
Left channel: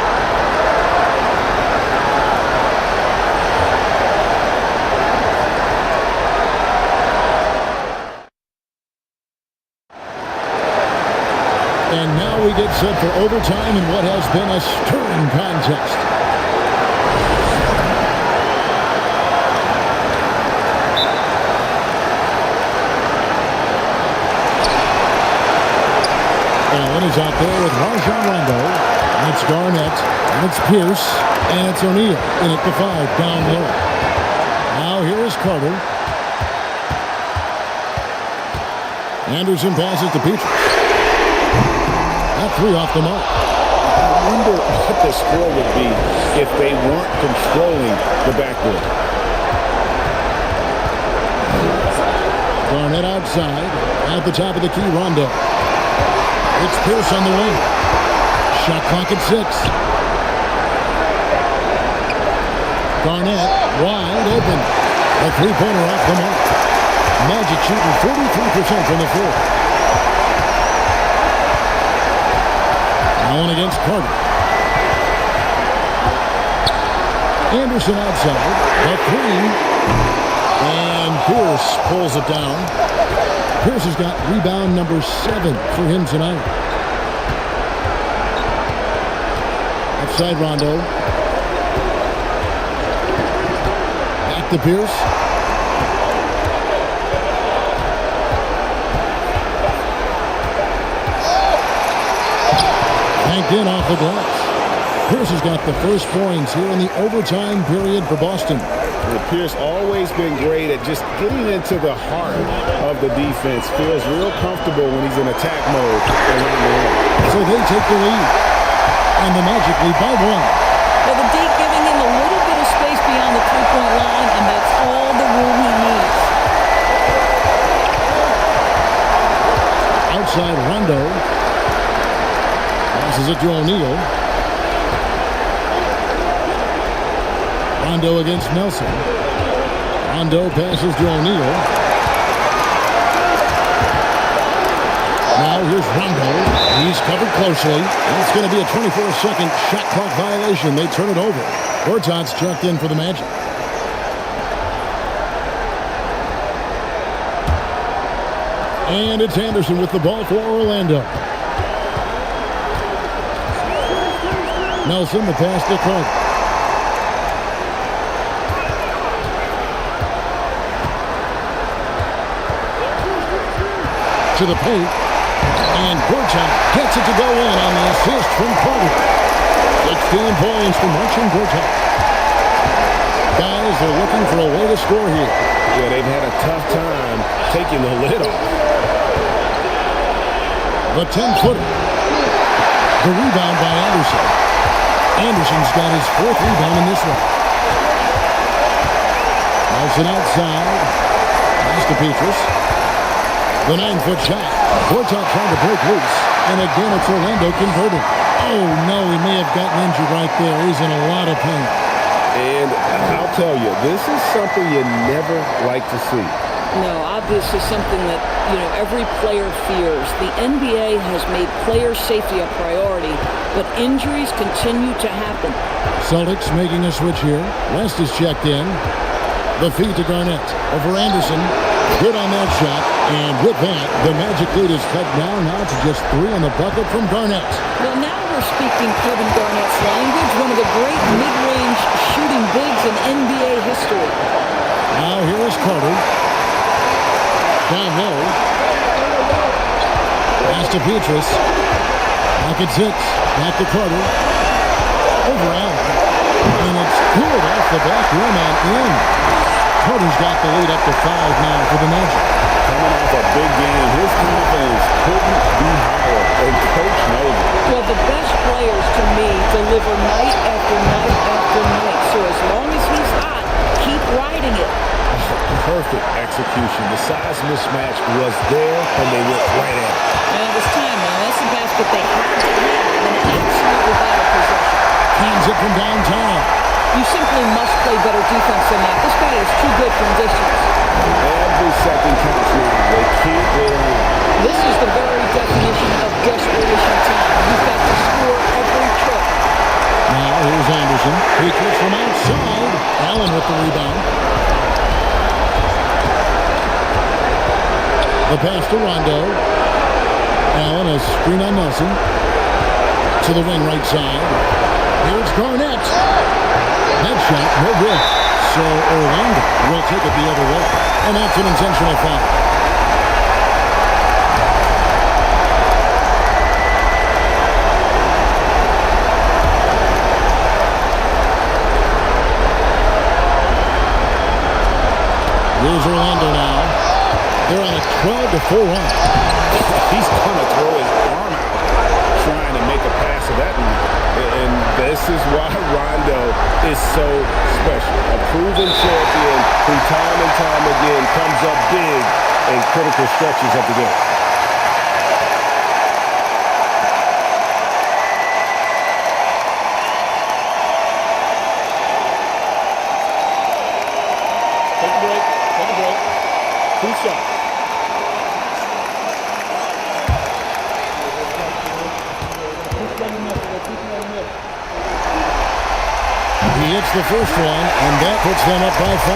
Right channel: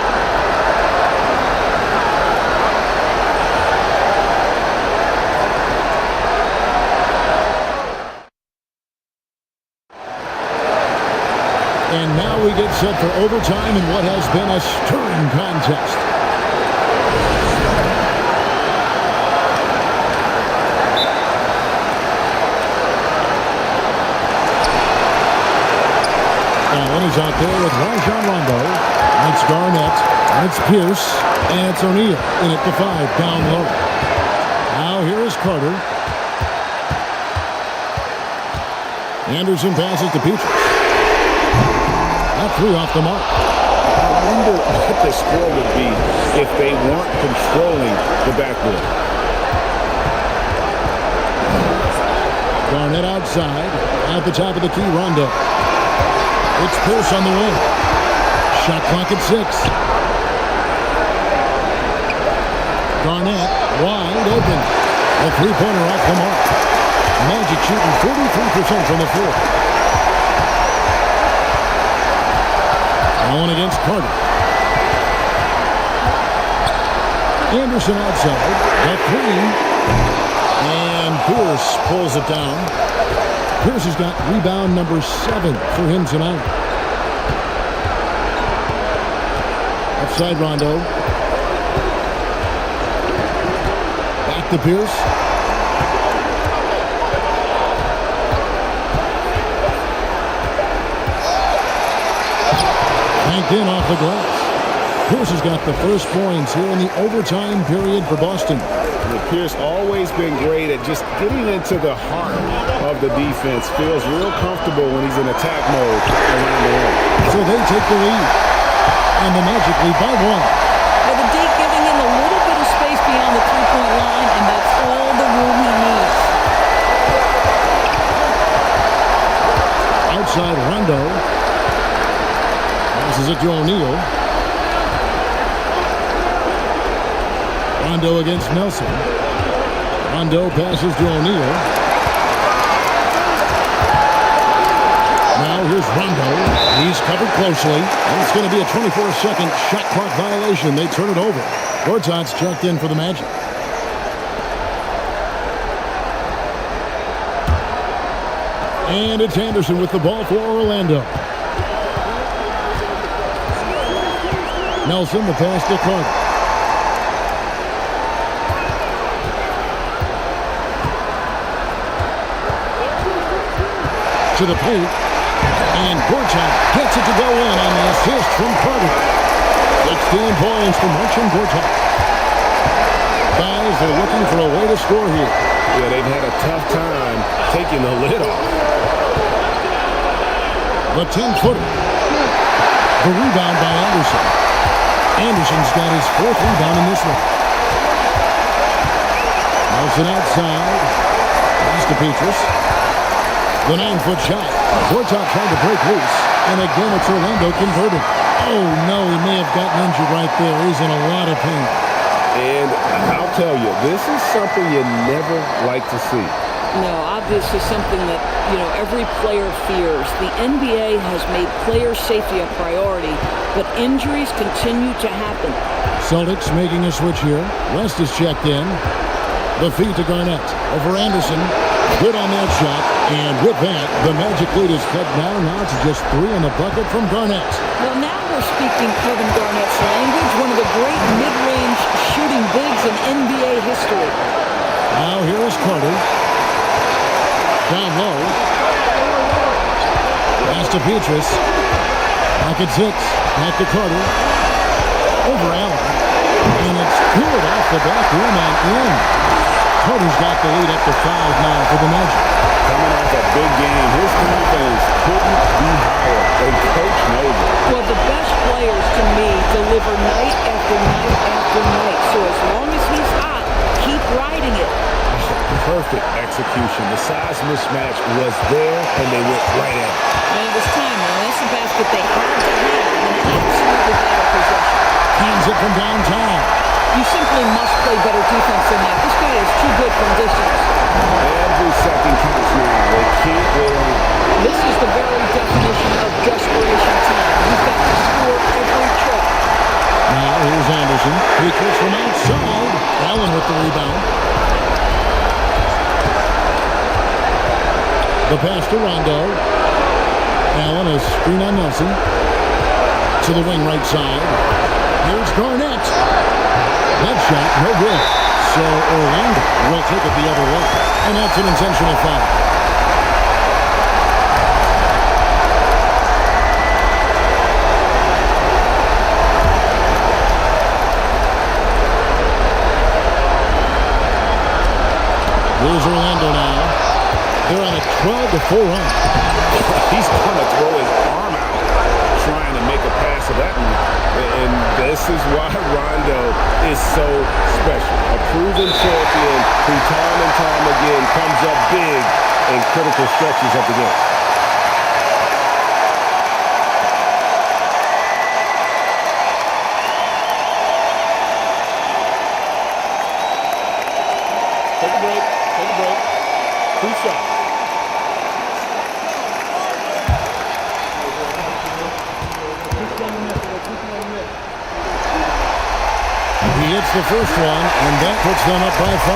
And now we get set for overtime in what has been a stirring contest. Allen is out there with Rajon Rondo. And it's Garnett. And it's Pierce. And it's O'Neal. In at the 5, down low. Now here is Carter. Anderson passes to Petrus. That 3 off the mark. I wonder what the score would be if they weren't controlling the backboard. Garnett outside. At the top of the key, Rondo. It's Pierce on the wing. Shot clock at 6. Garnett wide open. A three-pointer off the mark. Magic shooting 43% from the floor. Allen against Carter. Anderson outside. The 3. And Pierce pulls it down. Pierce has got rebound number 7 for him tonight. Outside Rondo. Back to Pierce. Banked in off the glass. Pierce has got the first points here in the overtime period for Boston. Pierce always been great at just getting into the heart of the defense. Feels real comfortable when he's in attack mode around the rim. So they take the lead. And the Magic lead by 1. But the D giving him a little bit of space beyond the three-point line, and that's all the room he needs. Outside Rondo. Passes it to O'Neal. Rondo against Nelson. Rondo passes to O'Neal. Now here's Rondo. He's covered closely. And it's going to be a 24-second shot clock violation. They turn it over. Gortat's checked in for the Magic. And it's Anderson with the ball for Orlando. Nelson, the pass to Carter. To the paint, and Gortat gets it to go in on the assist from Carter. 16 points for Marcin Gortat. Guys, they're looking for a way to score here. Yeah, they've had a tough time taking the lid off. The 10-footer. The rebound by Anderson. Anderson's got his 4th rebound in this one. Nelson outside. Pass to Petrus. The 9-foot shot. Gortat trying to break loose. And again, it's Orlando converting. Oh, no, he may have gotten injured right there. He's in a lot of pain. And I'll tell you, this is something you never like to see. No, obviously something that, every player fears. The NBA has made player safety a priority, but injuries continue to happen. Celtics making a switch here. West is checked in. The feed to Garnett. Over Anderson. Good on that shot. And with that, the Magic lead is cut down now to just 3 on the bucket from Garnett. Well, now we're speaking Kevin Garnett's language, one of the great mid-range shooting bigs in NBA history. Now here is Carter. Down low. Pass to Petrus. Pocket 6. Back to Carter. Over Allen. And it's good off the back rim and in. Carter's got the lead up to 5 now for the Magic. Coming off a big game, his confidence couldn't be higher, and Coach knows it. Well, the best players, to me, deliver night after night after night. So as long as he's hot, keep riding it. Oh, perfect execution. The size mismatch was there, and they went right at it. And it was time, man. That's the basket they had to have, and an absolutely vital possession. Hands it from downtown. You simply must play better defense than that. This guy is too good from distance. Every second counts now. They can't wait around. This is the very definition of desperation time. You've got to score every trip. Now here's Anderson. Peaches from outside. Allen with the rebound. The pass to Rondo. Allen, a screen on Nelson. To the wing right side. Here's Garnett. That shot, no good. So Orlando will take it the other way. And that's an intentional foul. Here's Orlando now. They're on a 12-4 run. He's going to throw his arm out trying to make a pass of that one. And this is why Rondo is so special. A proven champion who time and time again comes up big in critical stretches of the game. Take a break. Take a break. 2 shots. He hits the first one, and that puts them up by 5.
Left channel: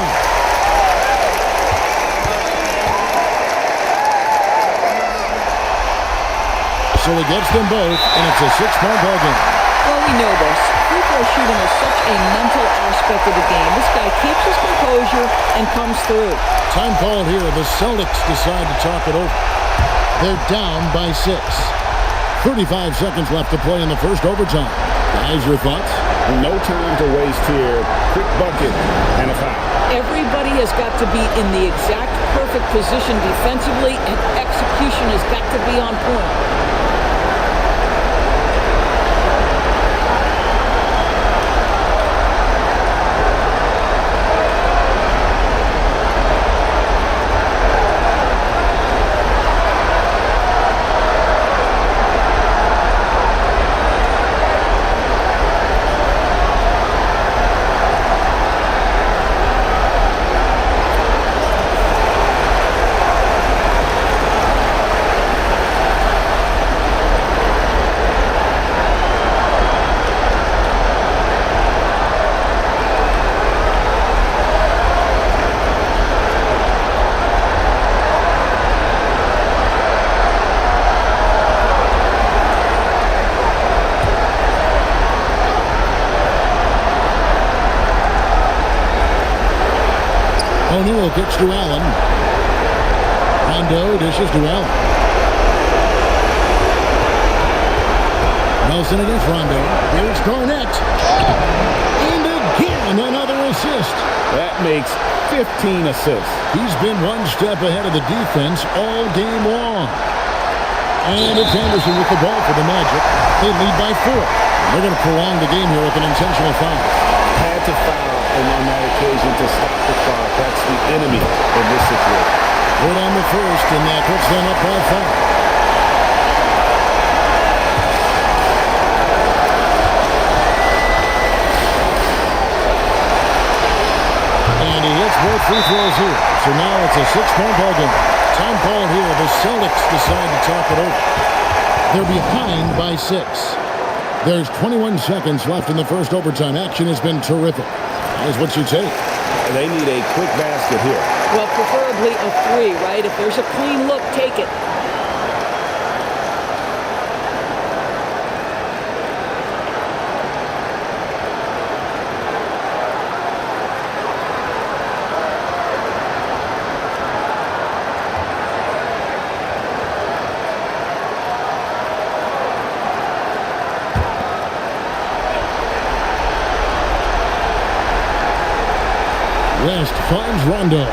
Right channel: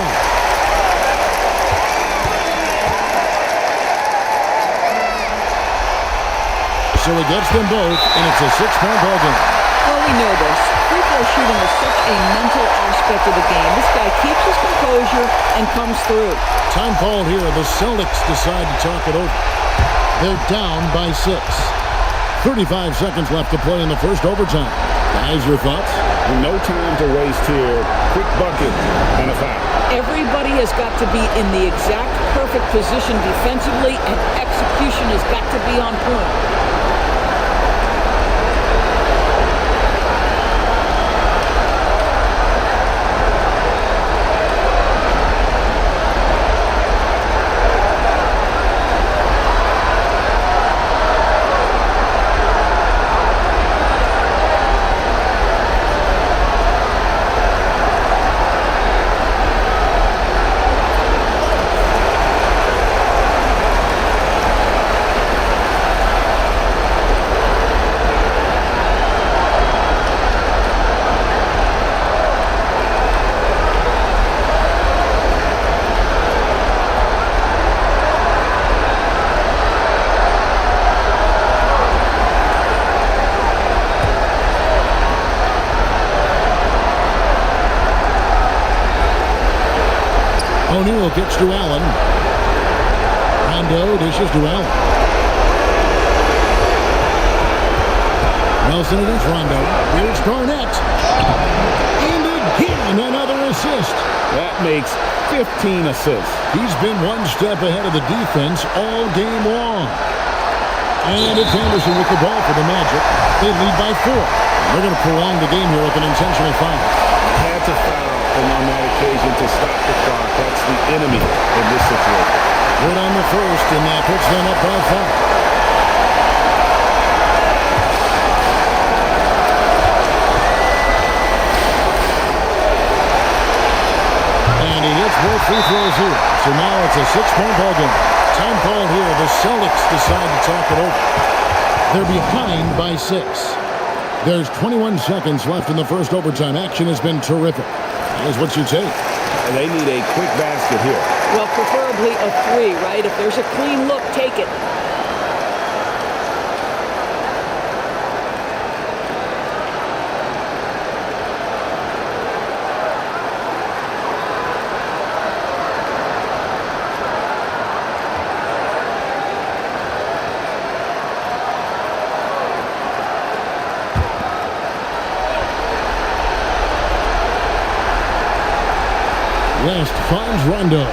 So he gets them both, and it's a 6-point ball game. Well, we know this. Free throw shooting is such a mental aspect of the game. This guy keeps his composure and comes through. Time called here. The Celtics decide to talk it over. They're down by 6. 35 seconds left to play in the first overtime. Guys, your thoughts? No time to waste here. Quick bucket and a foul. Everybody has got to be in the exact perfect position defensively, and execution has got to be on point. O'Neal kicks to Allen. Rondo dishes to Allen. Nelson against Rondo. Here's Garnett. And again, another assist. That makes 15 assists. He's been one step ahead of the defense all game long. And it's Anderson with the ball for the Magic. They lead by 4. They're going to prolong the game here with an intentional foul. Had to foul, and on that occasion to stop the clock. That's the enemy in this situation. Good on the first, and that puts them up by 5. And he hits both free throws here. So now it's a 6-point ball game. Time called here. The Celtics decide to talk it over. They're behind by 6. There's 21 seconds left in the first overtime. Action has been terrific. Guys, what's your take? They need a quick basket here. Well, preferably a 3, right? If there's a clean look, take it. West finds Rondo.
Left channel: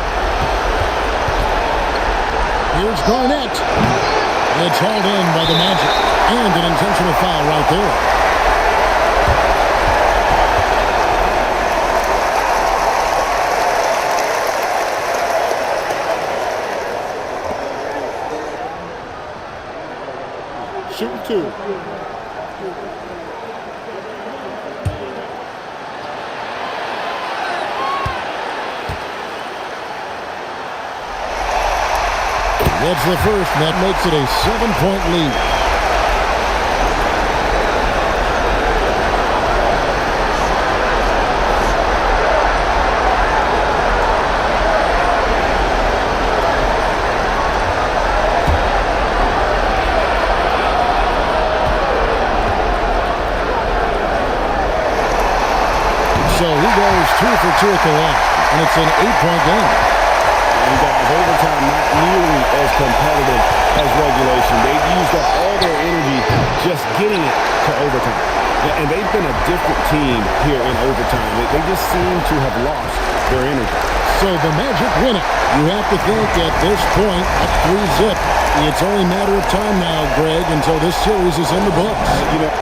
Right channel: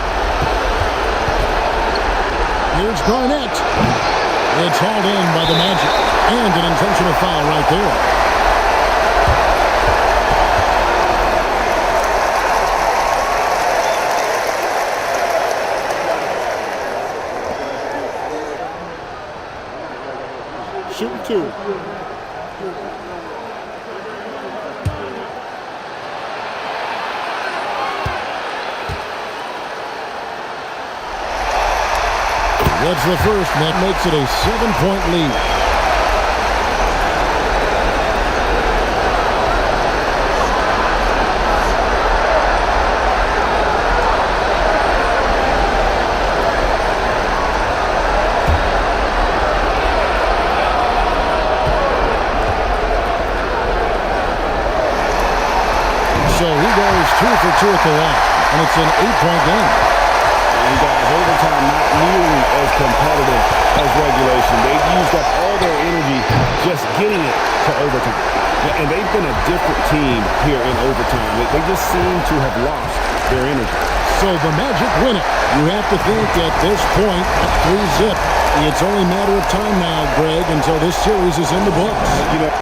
Here's Garnett. It's hauled in by the Magic. And an intentional foul right there. Shooting 2. Gets the first, and that makes it a 7-point lead. So he goes 2 for 2 at the line, and it's an 8-point game. And guys, overtime not nearly as competitive as regulation. They've used up all their energy just getting it to overtime. And they've been a different team here in overtime. They just seem to have lost their energy. So the Magic win it. You have to think at this point, up 3-zip. It's only a matter of time now, Greg, until this series is in the books. You know.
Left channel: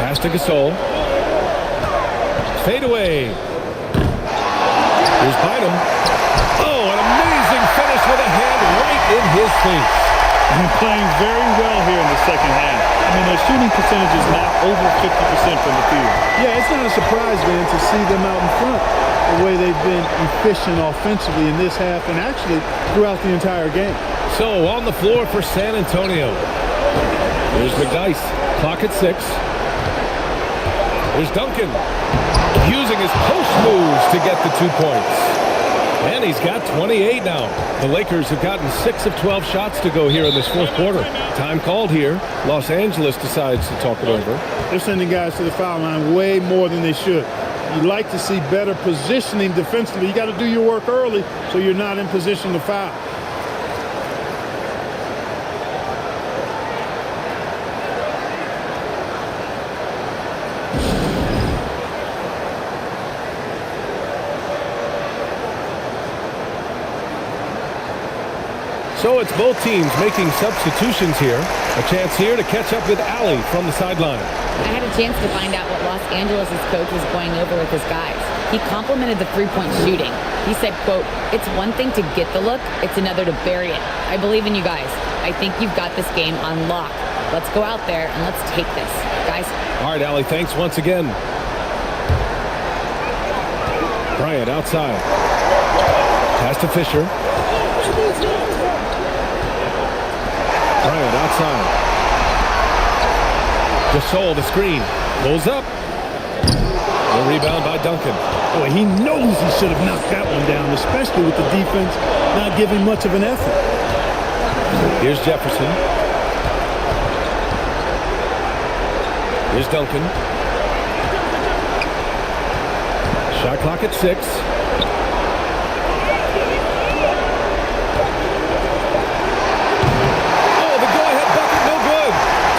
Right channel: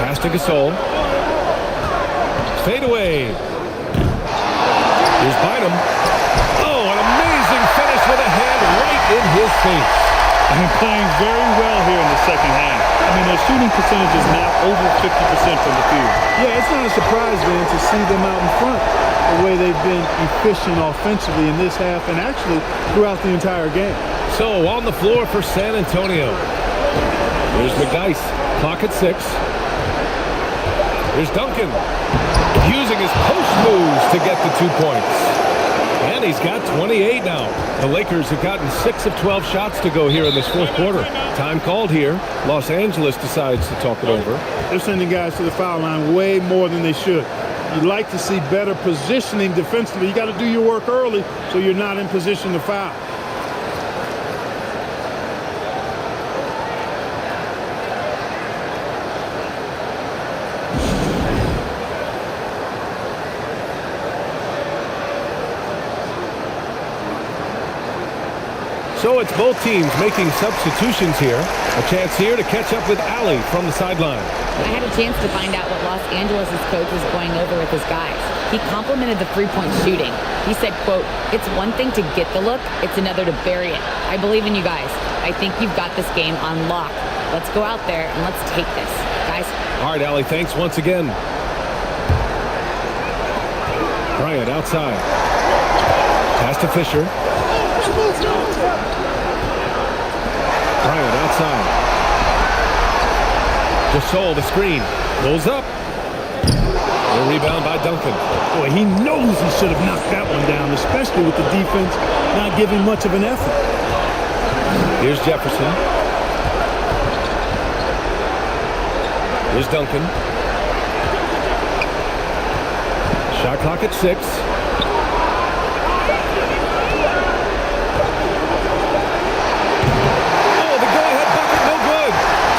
Pass to Gasol. Fade away. Here's Bynum. Oh, an amazing finish with a hand right in his face. And playing very well here in the second half. I mean, their shooting percentage is now over 50% from the field. Yeah, it's not a surprise, Van, to see them out in front the way they've been efficient offensively in this half and actually throughout the entire game. So on the floor for San Antonio. Here's McDyess. Clock at 6. Here's Duncan. Using his post moves to get the 2 points. And he's got 28 now. The Lakers have gotten 6 of 12 shots to go here in this fourth quarter. Time called here. Los Angeles decides to talk it over. They're sending guys to the foul line way more than they should. You'd like to see better positioning defensively. You got to do your work early so you're not in position to foul. So it's both teams making substitutions here. A chance here to catch up with Allie from the sideline. I had a chance to find out what Los Angeles' coach was going over with his guys. He complimented the three-point shooting. He said, quote, "It's one thing to get the look, it's another to bury it. I believe in you guys. I think you've got this game on lock. Let's go out there and let's take this, guys." All right, Allie, thanks once again. Bryant outside. Pass to Fisher. Bryant outside. Gasol the screen. Pulls up. The rebound by Duncan. Boy, he knows he should have knocked that one down, especially with the defense not giving much of an effort. Here's Jefferson. Here's Duncan. Shot clock at 6.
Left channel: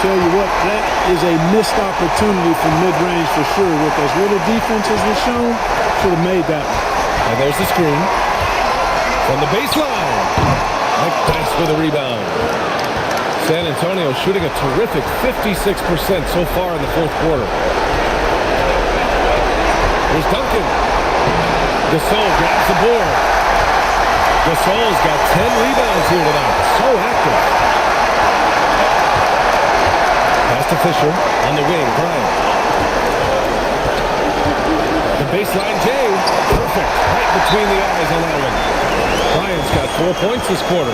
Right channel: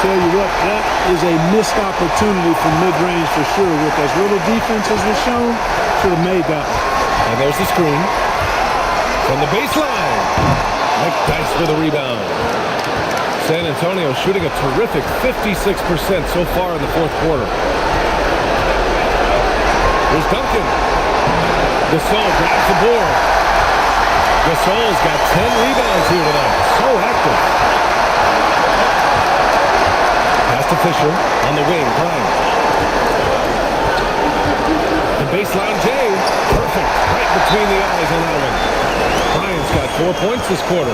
Tell you what, that is a missed opportunity for mid-range for sure. With as little defense as was shown, should have made that one. And there's the screen. From the baseline, McDyess with a rebound. San Antonio shooting a terrific 56% so far in the fourth quarter. Here's Duncan. Gasol grabs the board. Gasol's got 10 rebounds here tonight. So active. Pass to Fisher on the wing. Bryant. The baseline J. Perfect. Right between the eyes on that one. Bryant's got 4 points this quarter.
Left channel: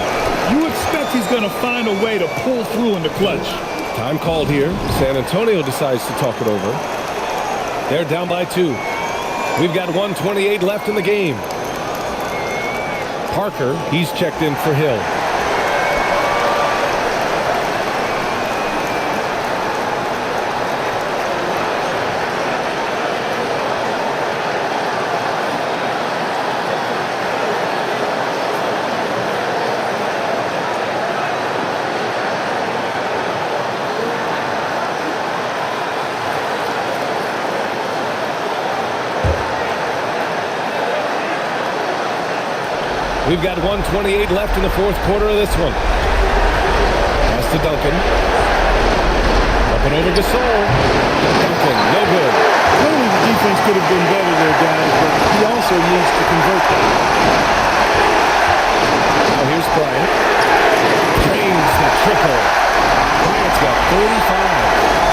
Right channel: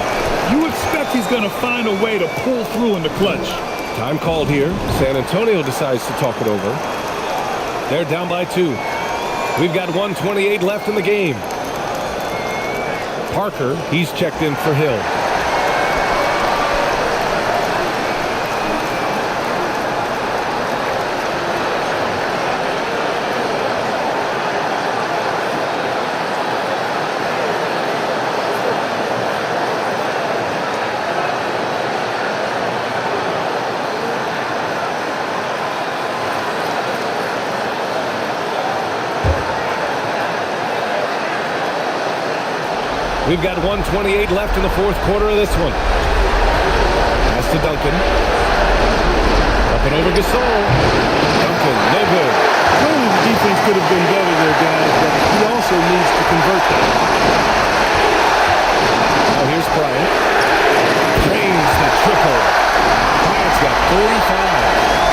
You expect he's going to find a way to pull through in the clutch. Time called here. San Antonio decides to talk it over. They're down by 2. We've got 1:28 left in the game. Parker, he's checked in for Hill. We've got 1:28 left in the fourth quarter of this one. Pass to Duncan. Up and over Gasol. Duncan, no good. Clearly the defense could have been better there, guys, but he also needs to convert that. Now here's Bryant. Drains the triple. Bryant's got 35.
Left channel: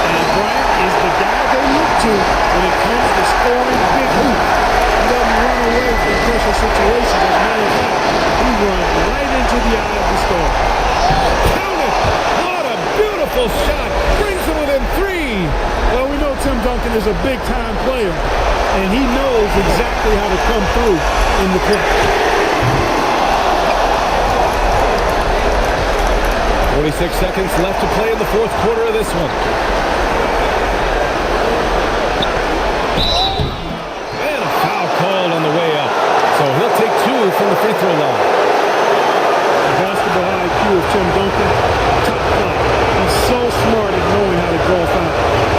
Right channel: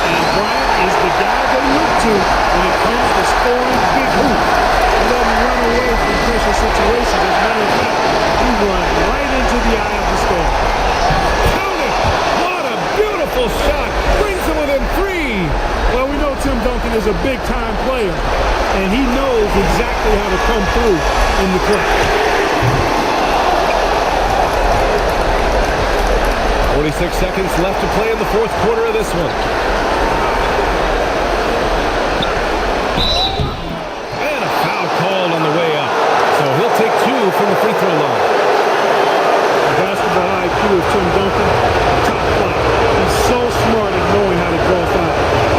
And Bryant is the guy they look to when it comes to scoring big hoops. He doesn't run away from pressure situations. As a matter of fact, he runs right into the eye of the storm. Count it! What a beautiful shot! Brings them within 3. Well, we know Tim Duncan is a big-time player, and he knows exactly how to come through in the clutch. 46 seconds left to play in the fourth quarter of this one. And a foul called on the way up. So he'll take 2 from the free throw line. The basketball IQ of Tim Duncan, top flight. He's so smart at knowing how to draw fouls.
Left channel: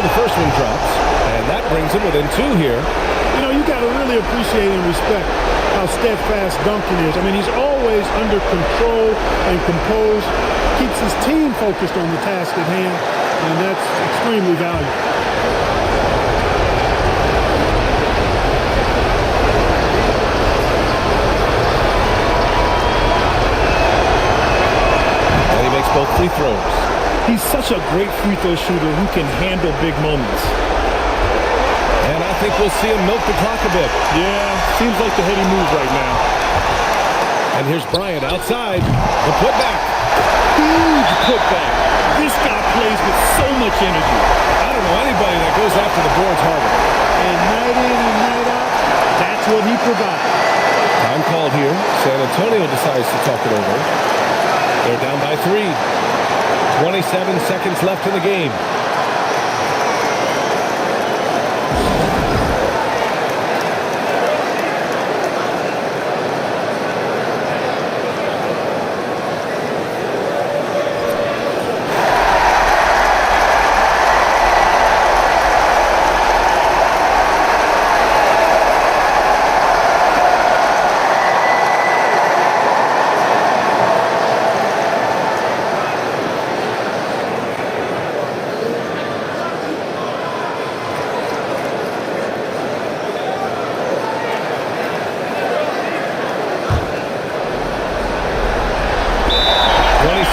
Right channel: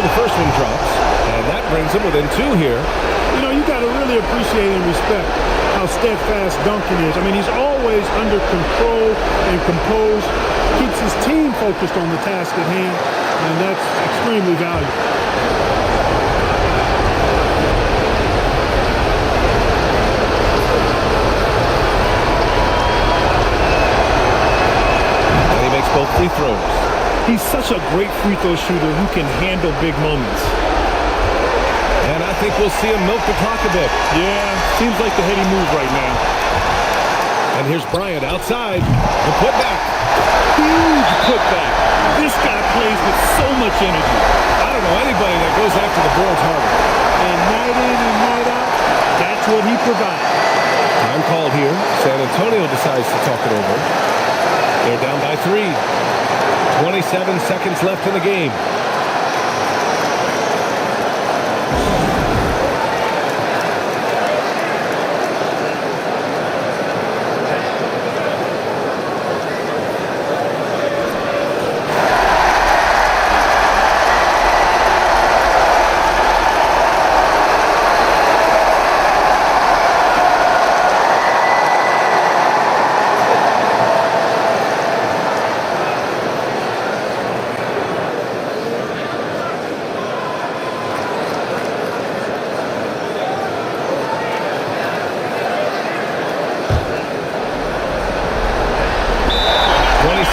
The first one drops, and that brings him within 2 here. You know, you got to really appreciate and respect how steadfast Duncan is. I mean, he's always under control and composed, keeps his team focused on the task at hand, and that's extremely valuable. And he makes both free throws. He's such a great free throw shooter who can handle big moments. And I think we'll see him milk the clock a bit. Yeah, seems like the heady move right now. And here's Bryant outside. The putback. Huge putback. This guy plays with so much energy. I don't know anybody that goes after the boards harder. And night in and night out, that's what he provides. Time called here. San Antonio decides to talk it over. They're down by 3. 27 seconds left in the game.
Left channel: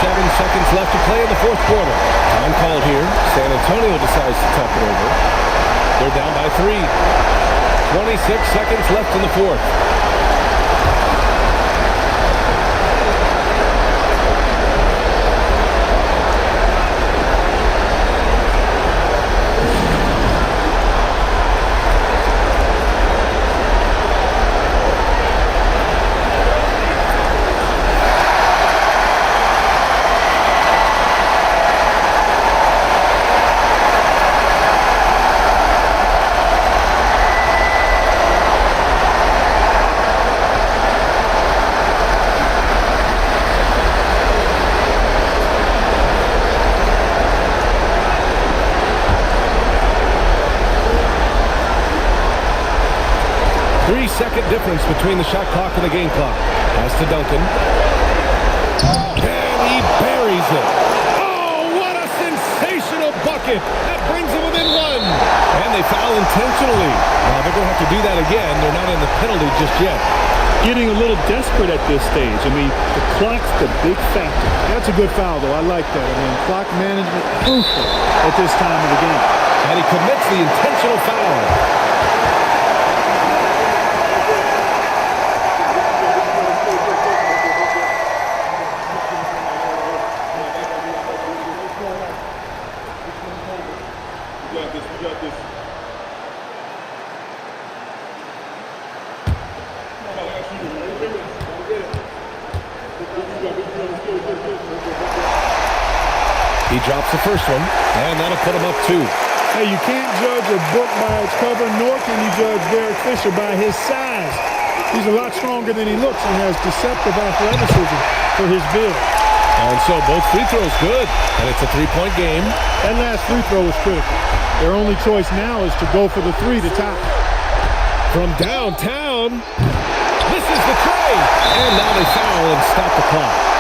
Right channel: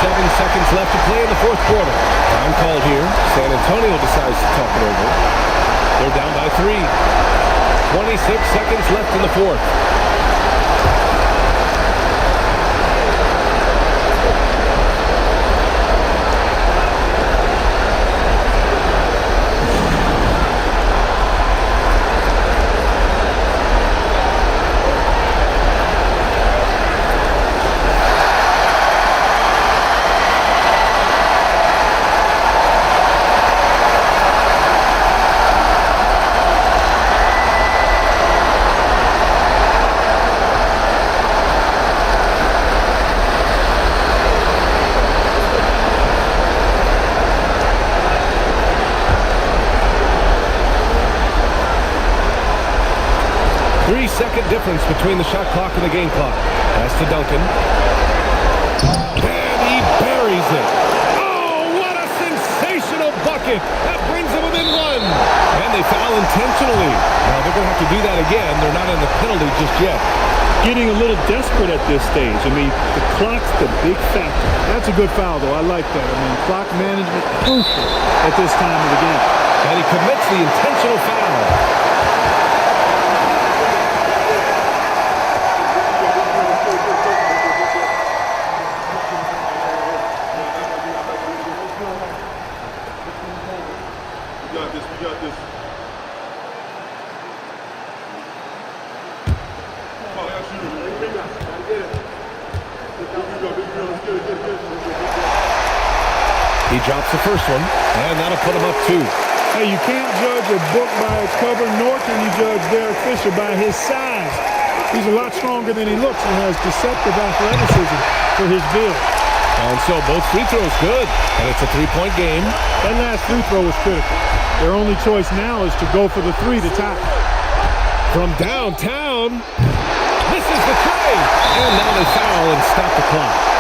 Seven seconds left to play in the fourth quarter. Time called here. San Antonio decides to talk it over. They're down by 3. 26 seconds left in the fourth. 3-second difference between the shot clock and the game clock. Pass to Duncan. And he buries it. Oh, what a sensational bucket. That brings them within one. And they foul intentionally. Now they're going to have to do that again. They're not in the penalty just yet. Getting a little desperate at this stage. I mean, the clock's the big factor. That's a good foul, though. I like that. I mean, clock management, crucial at this time of the game. And he commits the intentional foul. We got this. He drops the first one, and that'll put him up 2. Hey, you can't judge a book by its cover, nor can you judge Derek Fisher by his size. He's a lot stronger than he looks and has deceptive athleticism for his build. And so both free throws good, and it's a 3-point game. That last free throw was critical. Their only choice now is to go for the 3 to tie. From downtown, misses the tray, and now they foul and stop the clock.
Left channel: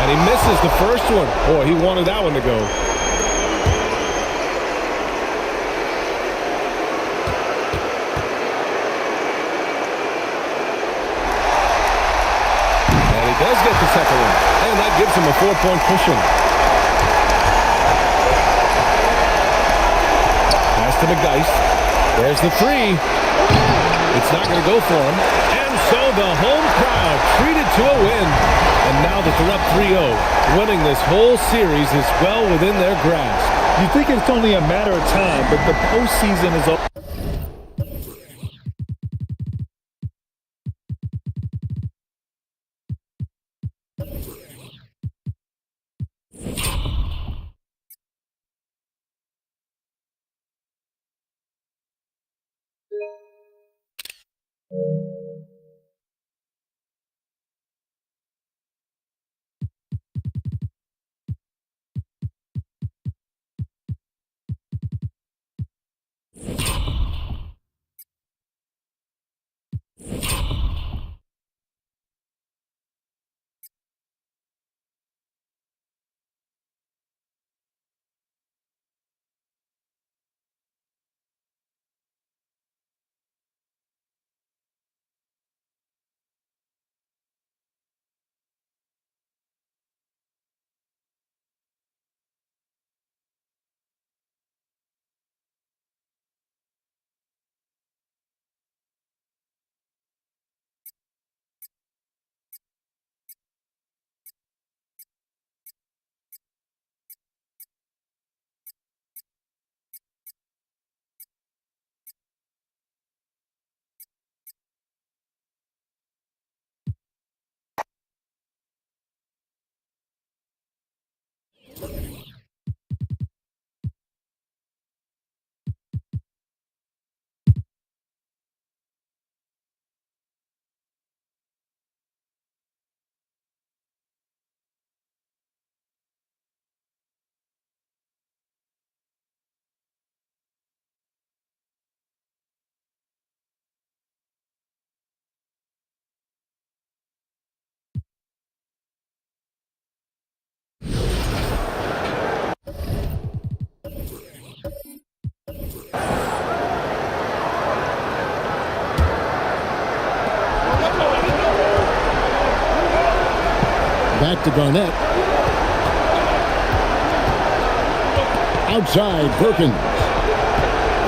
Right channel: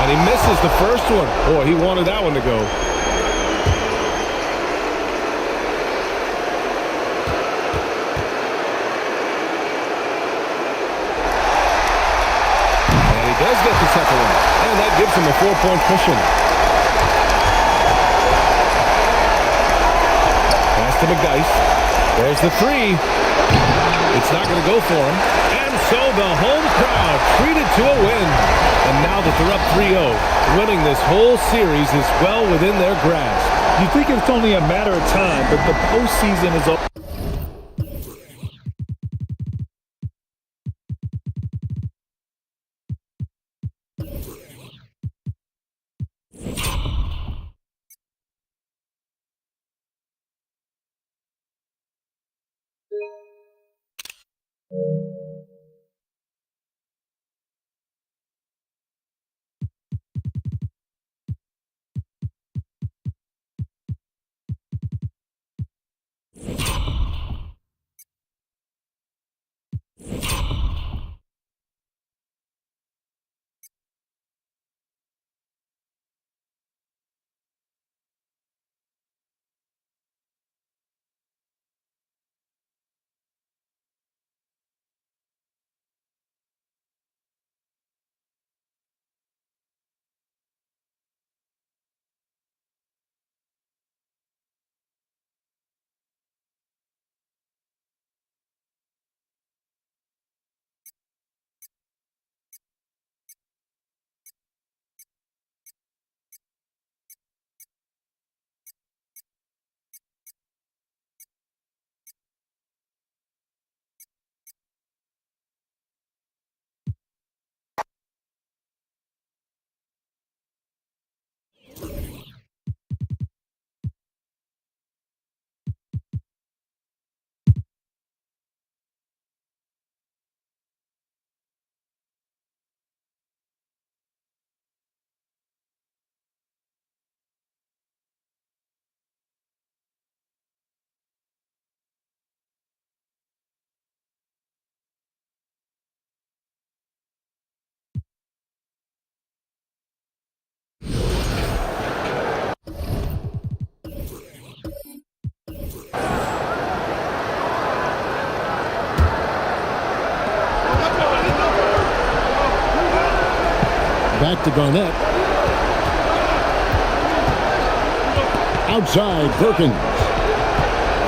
And he misses the first one. Boy, he wanted that one to go. And he does get the second one. And that gives him a 4-point cushion. Pass to McDyess. There's the 3. It's not going to go for him. And so the home crowd treated to a win. And now that they're up 3-0, winning this whole series is well within their grasp. You think it's only a matter of time, but the postseason is all. Back to Garnett. Outside, Perkins.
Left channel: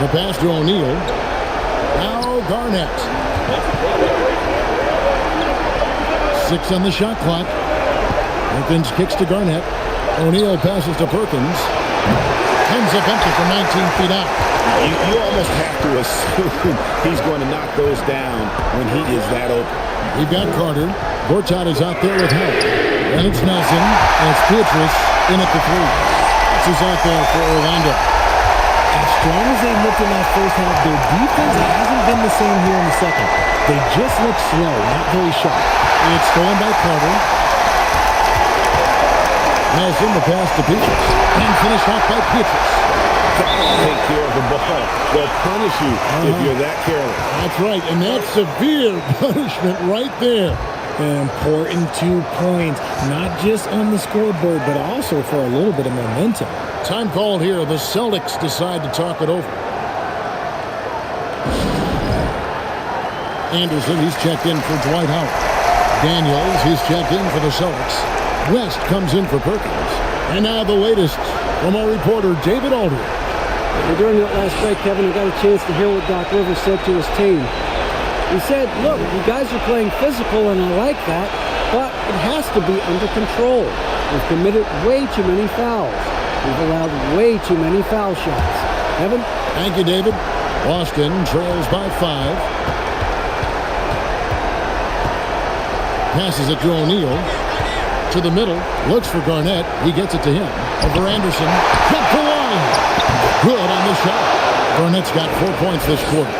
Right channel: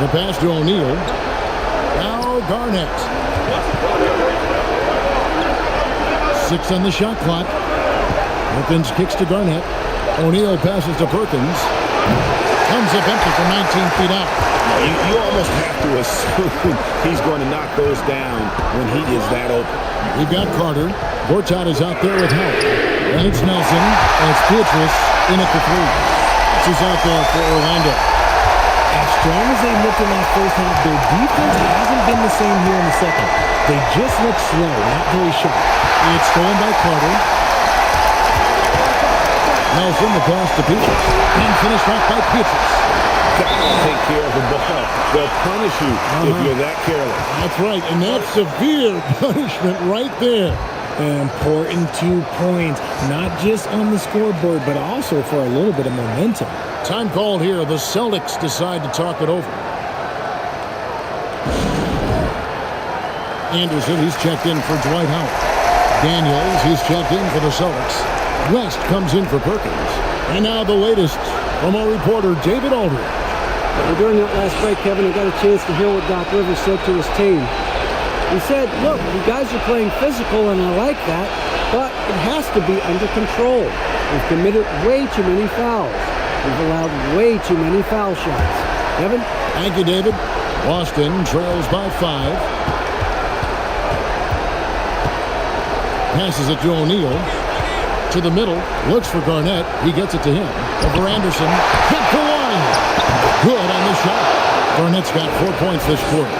The pass to O'Neal. Now Garnett. 6 on the shot clock. Perkins kicks to Garnett. O'Neal passes to Perkins. Comes up empty from 19 feet out. You almost have to assume he's going to knock those down when he is that open. We've got Carter. Gortat is out there with help. Then it's Nelson, and it's Beatrice in at the 3. This is out there for Orlando. As strong as they looked in that first half, their defense hasn't been the same here in the second. They just look slow, not very sharp. It's stolen by Carter. Nelson, the pass to Beatrice, and finished off by Beatrice. Gotta take care of the ball. They'll punish you if you're that careless. That's right, and that's severe punishment right there. An important 2 points, not just on the scoreboard, but also for a little bit of momentum. Time called here. The Celtics decide to talk it over. Anderson, he's checked in for Dwight Howard. Daniels, he's checked in for the Celtics. West comes in for Perkins. And now the latest from our reporter, David Aldridge. Well, during that last break, Kevin, I got a chance to hear what Doc Rivers said to his team. He said, look, you guys are playing physical, and I like that, but it has to be under control. We've committed way too many fouls. We've allowed way too many foul shots. Kevin? Thank you, David. Boston trails by 5. Passes it to O'Neal. To the middle. Looks for Garnett. He gets it to him. Over Anderson. Kept the line. Good on the shot. Garnett's got 4 points this quarter.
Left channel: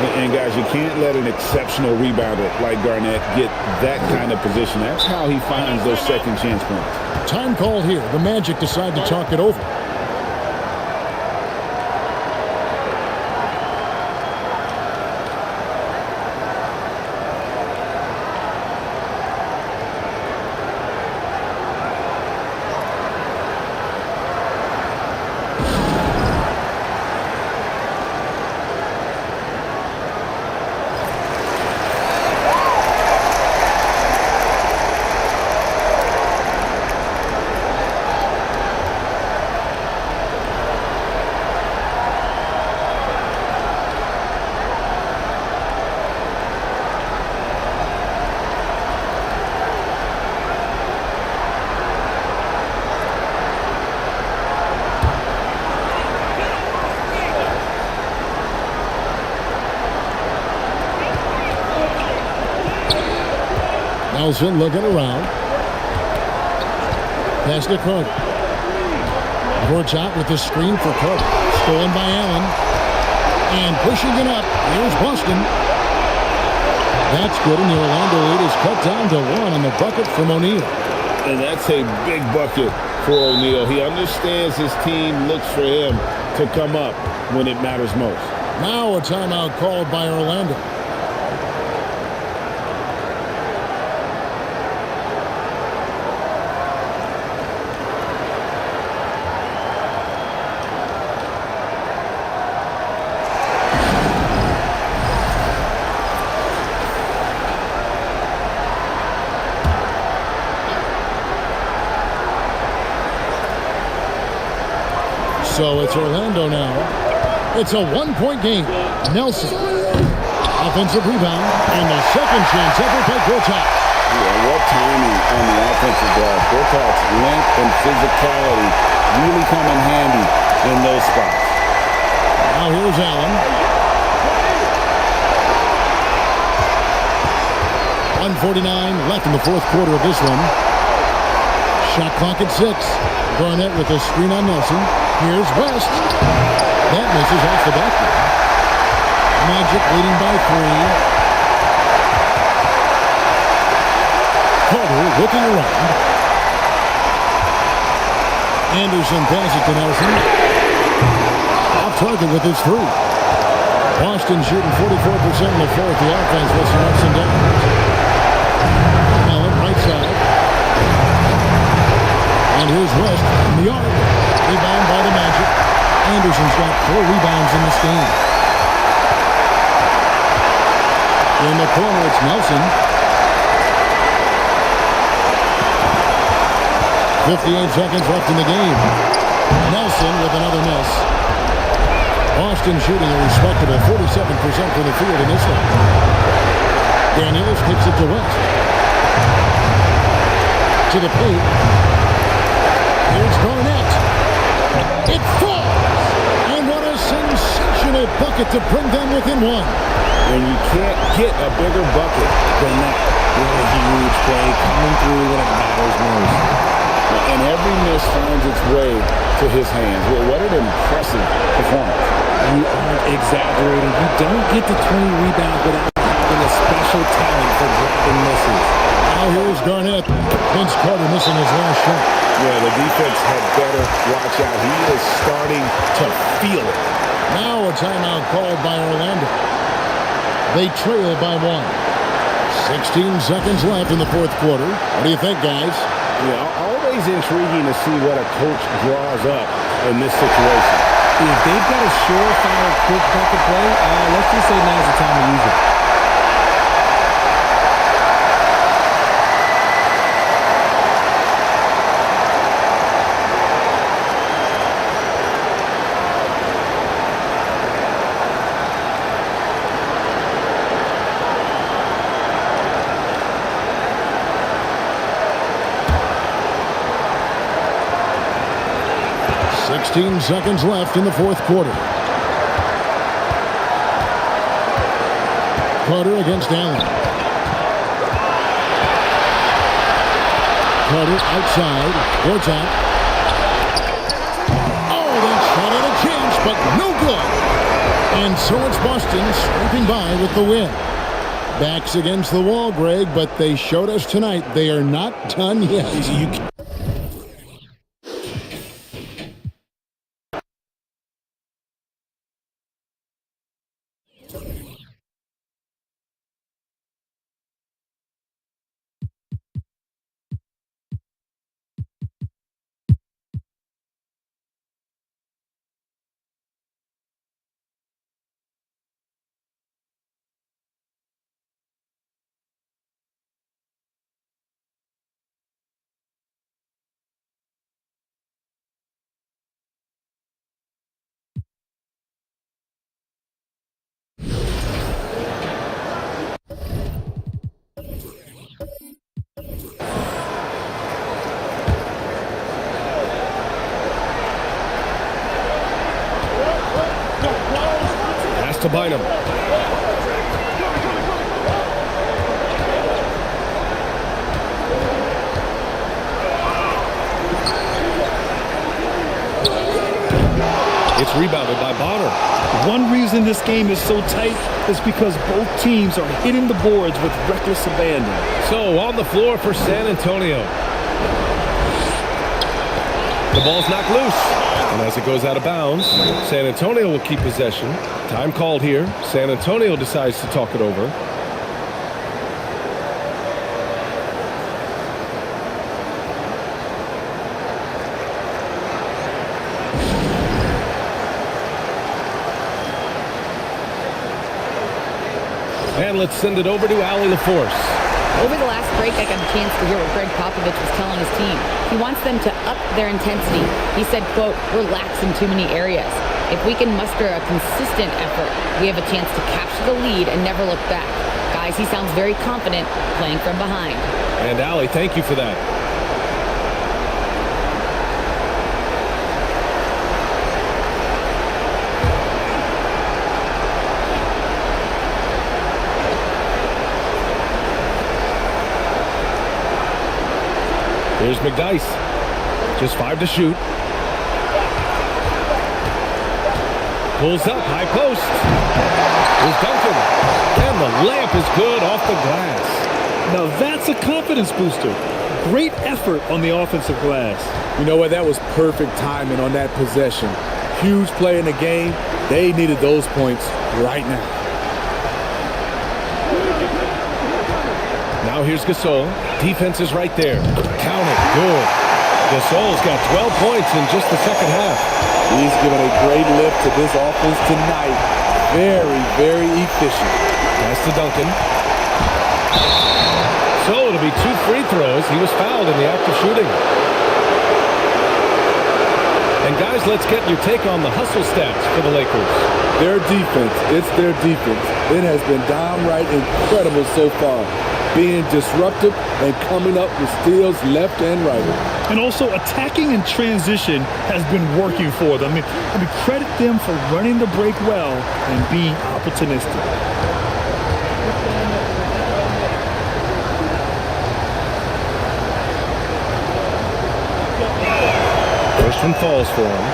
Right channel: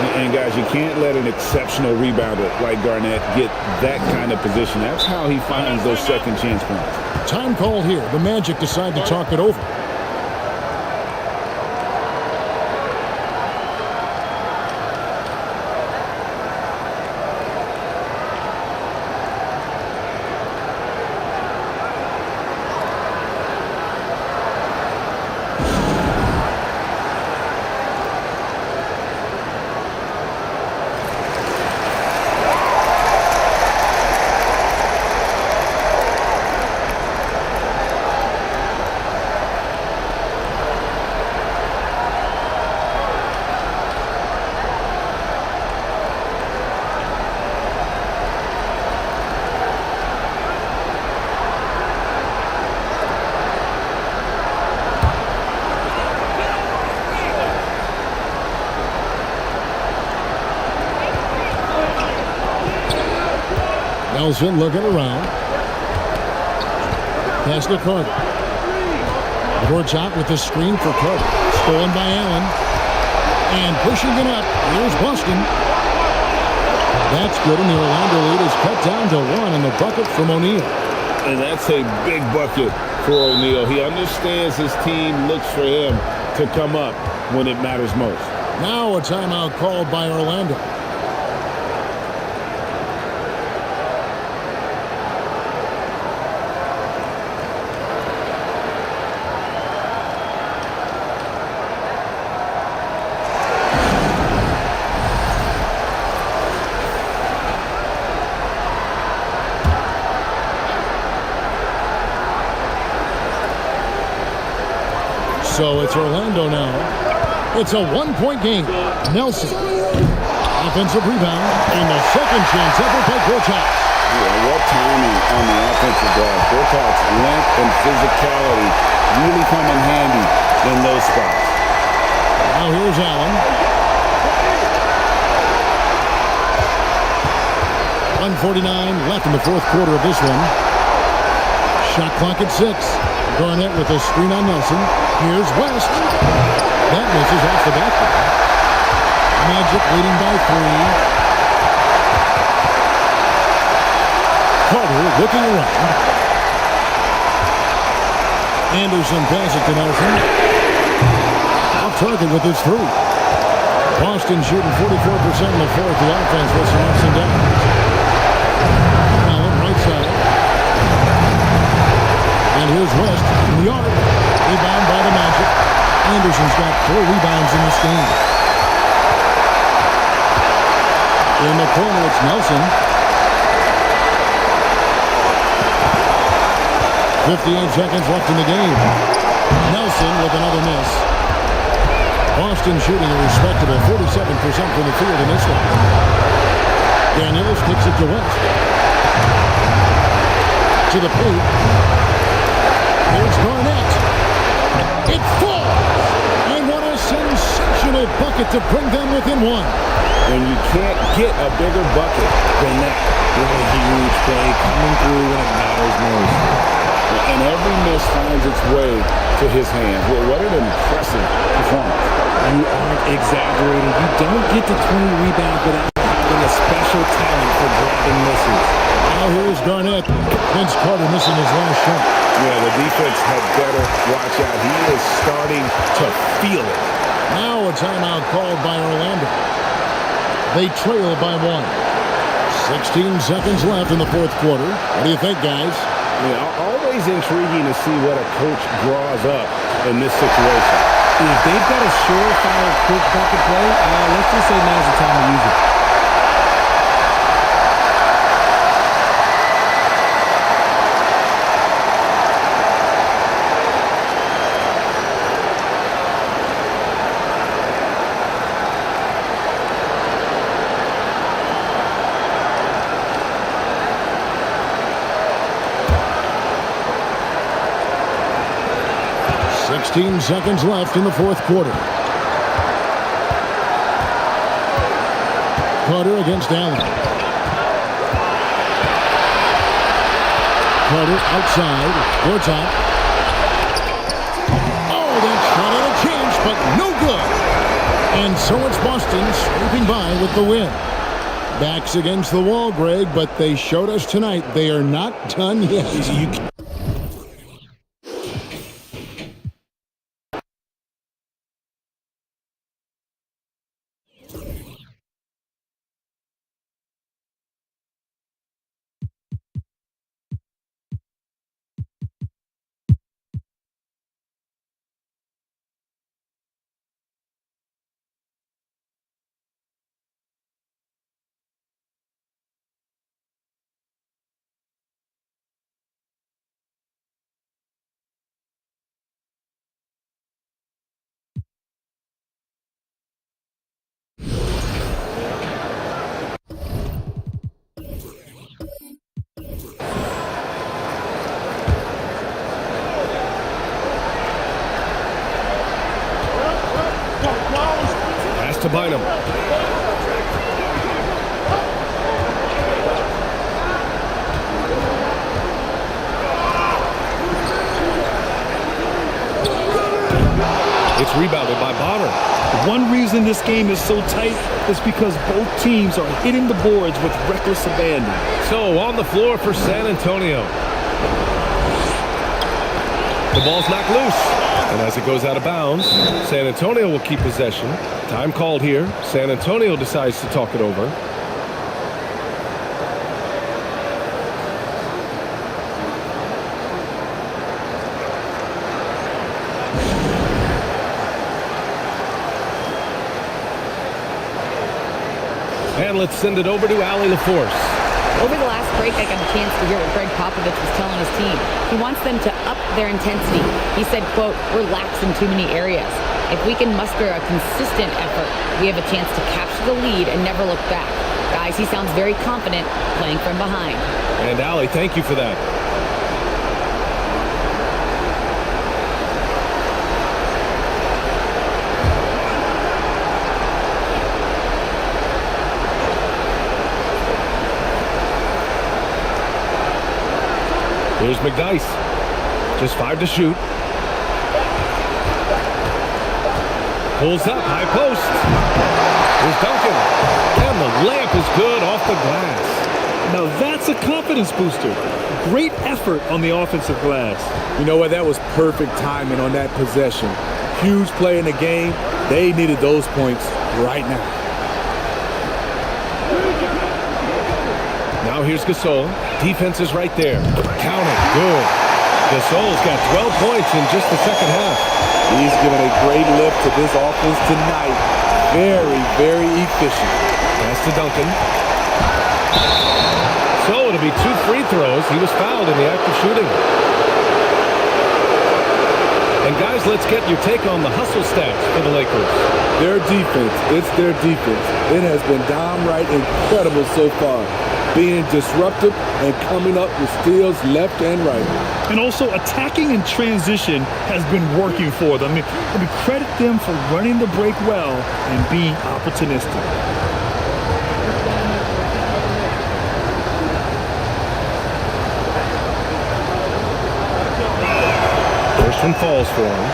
And guys, you can't let an exceptional rebounder like Garnett get that kind of position. That's how he finds those second chance points. Time called here. The Magic decide to talk it over. Nelson looking around. Pass to Carter. Works out with the screen for Carter. Stolen by Allen. And pushing it up. Here's Boston. That's good, and the Orlando lead is cut down to 1 on the bucket from O'Neal. And that's a big bucket for O'Neal. He understands his team looks for him to come up when it matters most. Now a timeout called by Orlando. So it's Orlando now. It's a 1-point game. Nelson. Offensive rebound. And the second chance ever by Gortat. Yeah, what timing on the offensive glass. Gortat's length and physicality really come in handy in those spots. Now here's Allen. 1:49 left in the fourth quarter of this one. Shot clock at 6. Garnett with a screen on Nelson. Here's West. That misses off the backboard. Magic leading by 3. Carter looking around. Anderson passes to Nelson. Off target with his 3. Boston shooting 44% in the fourth. The offense with some ups and downs. Allen right side. And here's West in the arc. Rebound by the Magic. Anderson's got 4 rebounds in this game. In the corner, it's Nelson. 58 seconds left in the game. Nelson with another miss. Boston shooting a respectable 47% from the field in this one. Daniels kicks it to West. To the paint. Here's Garnett. It falls! And what a sensational bucket to bring them within 1. And you can't get a bigger bucket than that. What a huge play coming through when it matters most. And every miss finds its way to his hands. Well, what an impressive performance. You aren't exaggerating. You don't get to 20 rebounds without having a special talent for grabbing misses. Now here's Garnett. Vince Carter missing his last shot. Yeah, the defense had better watch out. He is starting to feel it. Now a timeout called by Orlando. They trail by 1. 16 seconds left in the fourth quarter. What do you think, guys? Yeah, always intriguing to see what a coach draws up in this situation. If they've got a surefire, quick bucket play, let's just say now's the time to use it. Sixteen seconds left in the fourth quarter. Carter against Allen. Carter outside. Gortat. Oh, that shot had a chance, but no good. And so it's Boston scraping by with the win. Backs against the wall, Greg, but they showed us tonight they are not done yet. Pass to Bynum. It's rebounded by Bonner. One reason this game is so tight is because both teams are hitting the boards with reckless abandon. So on the floor for San Antonio. The ball's knocked loose. And as it goes out of bounds, San Antonio will keep possession. Time called here. San Antonio decides to talk it over. And let's send it over to Allie LaForce. Over the last break, I got a chance to hear what Greg Popovich was telling his team. He wants them to up their intensity. He said, quote, "We're lax in too many areas. If we can muster a consistent effort, we have a chance to capture the lead and never look back." Guys, he sounds very confident playing from behind. And Allie, thank you for that. Here's McDyess. Just 5 to shoot. Pulls up, high post. Here's Duncan. And the layup is good off the glass. Now that's a confidence booster. Great effort on the offensive glass. You know what? That was perfect timing on that possession. Huge play in the game. They needed those points right now. Now here's Gasol. Defense is right there. Count it. Good. Gasol's got 12 points in just the second half. He's given a great lift to this offense tonight. Very, very efficient. Pass to Duncan. So it'll be 2 free throws. He was fouled in the act of shooting. And guys, let's get your take on the hustle stats for the Lakers. Their defense. It's their defense. It has been downright incredible so far. Being disruptive and coming up with steals left and right. And also attacking in transition has been working for them. I mean, credit them for running the break well and being opportunistic. First one falls for him.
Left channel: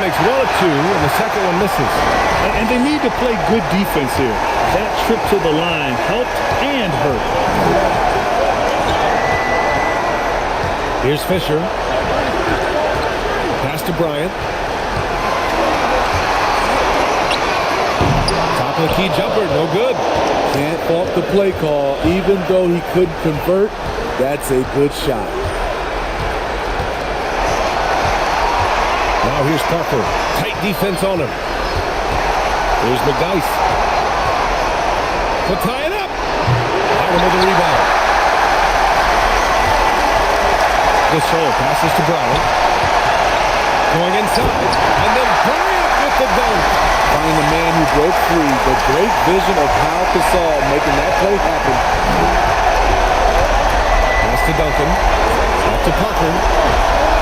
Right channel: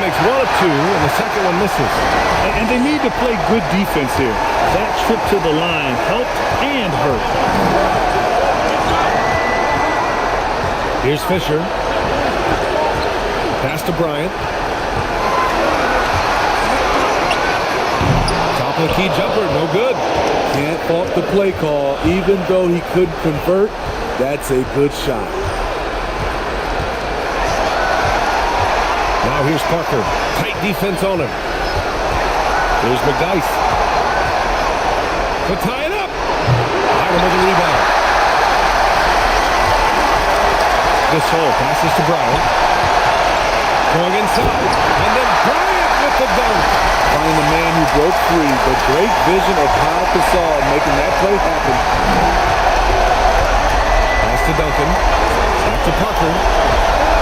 Makes one of two, and the second one misses. And they need to play good defense here. That trip to the line helped and hurt. Here's Fisher. Pass to Bryant. Top of the key jumper, no good. Can't fault the play call. Even though he couldn't convert, that's a good shot. Now here's Parker. Tight defense on him. Here's McDyess. To tie it up. Bynum with the rebound. Gasol passes to Bryant. Going inside. And then Bryant with the dunk. Finding the man who broke free. The great vision of Pau Gasol making that play happen. Pass to Duncan. Back to Parker.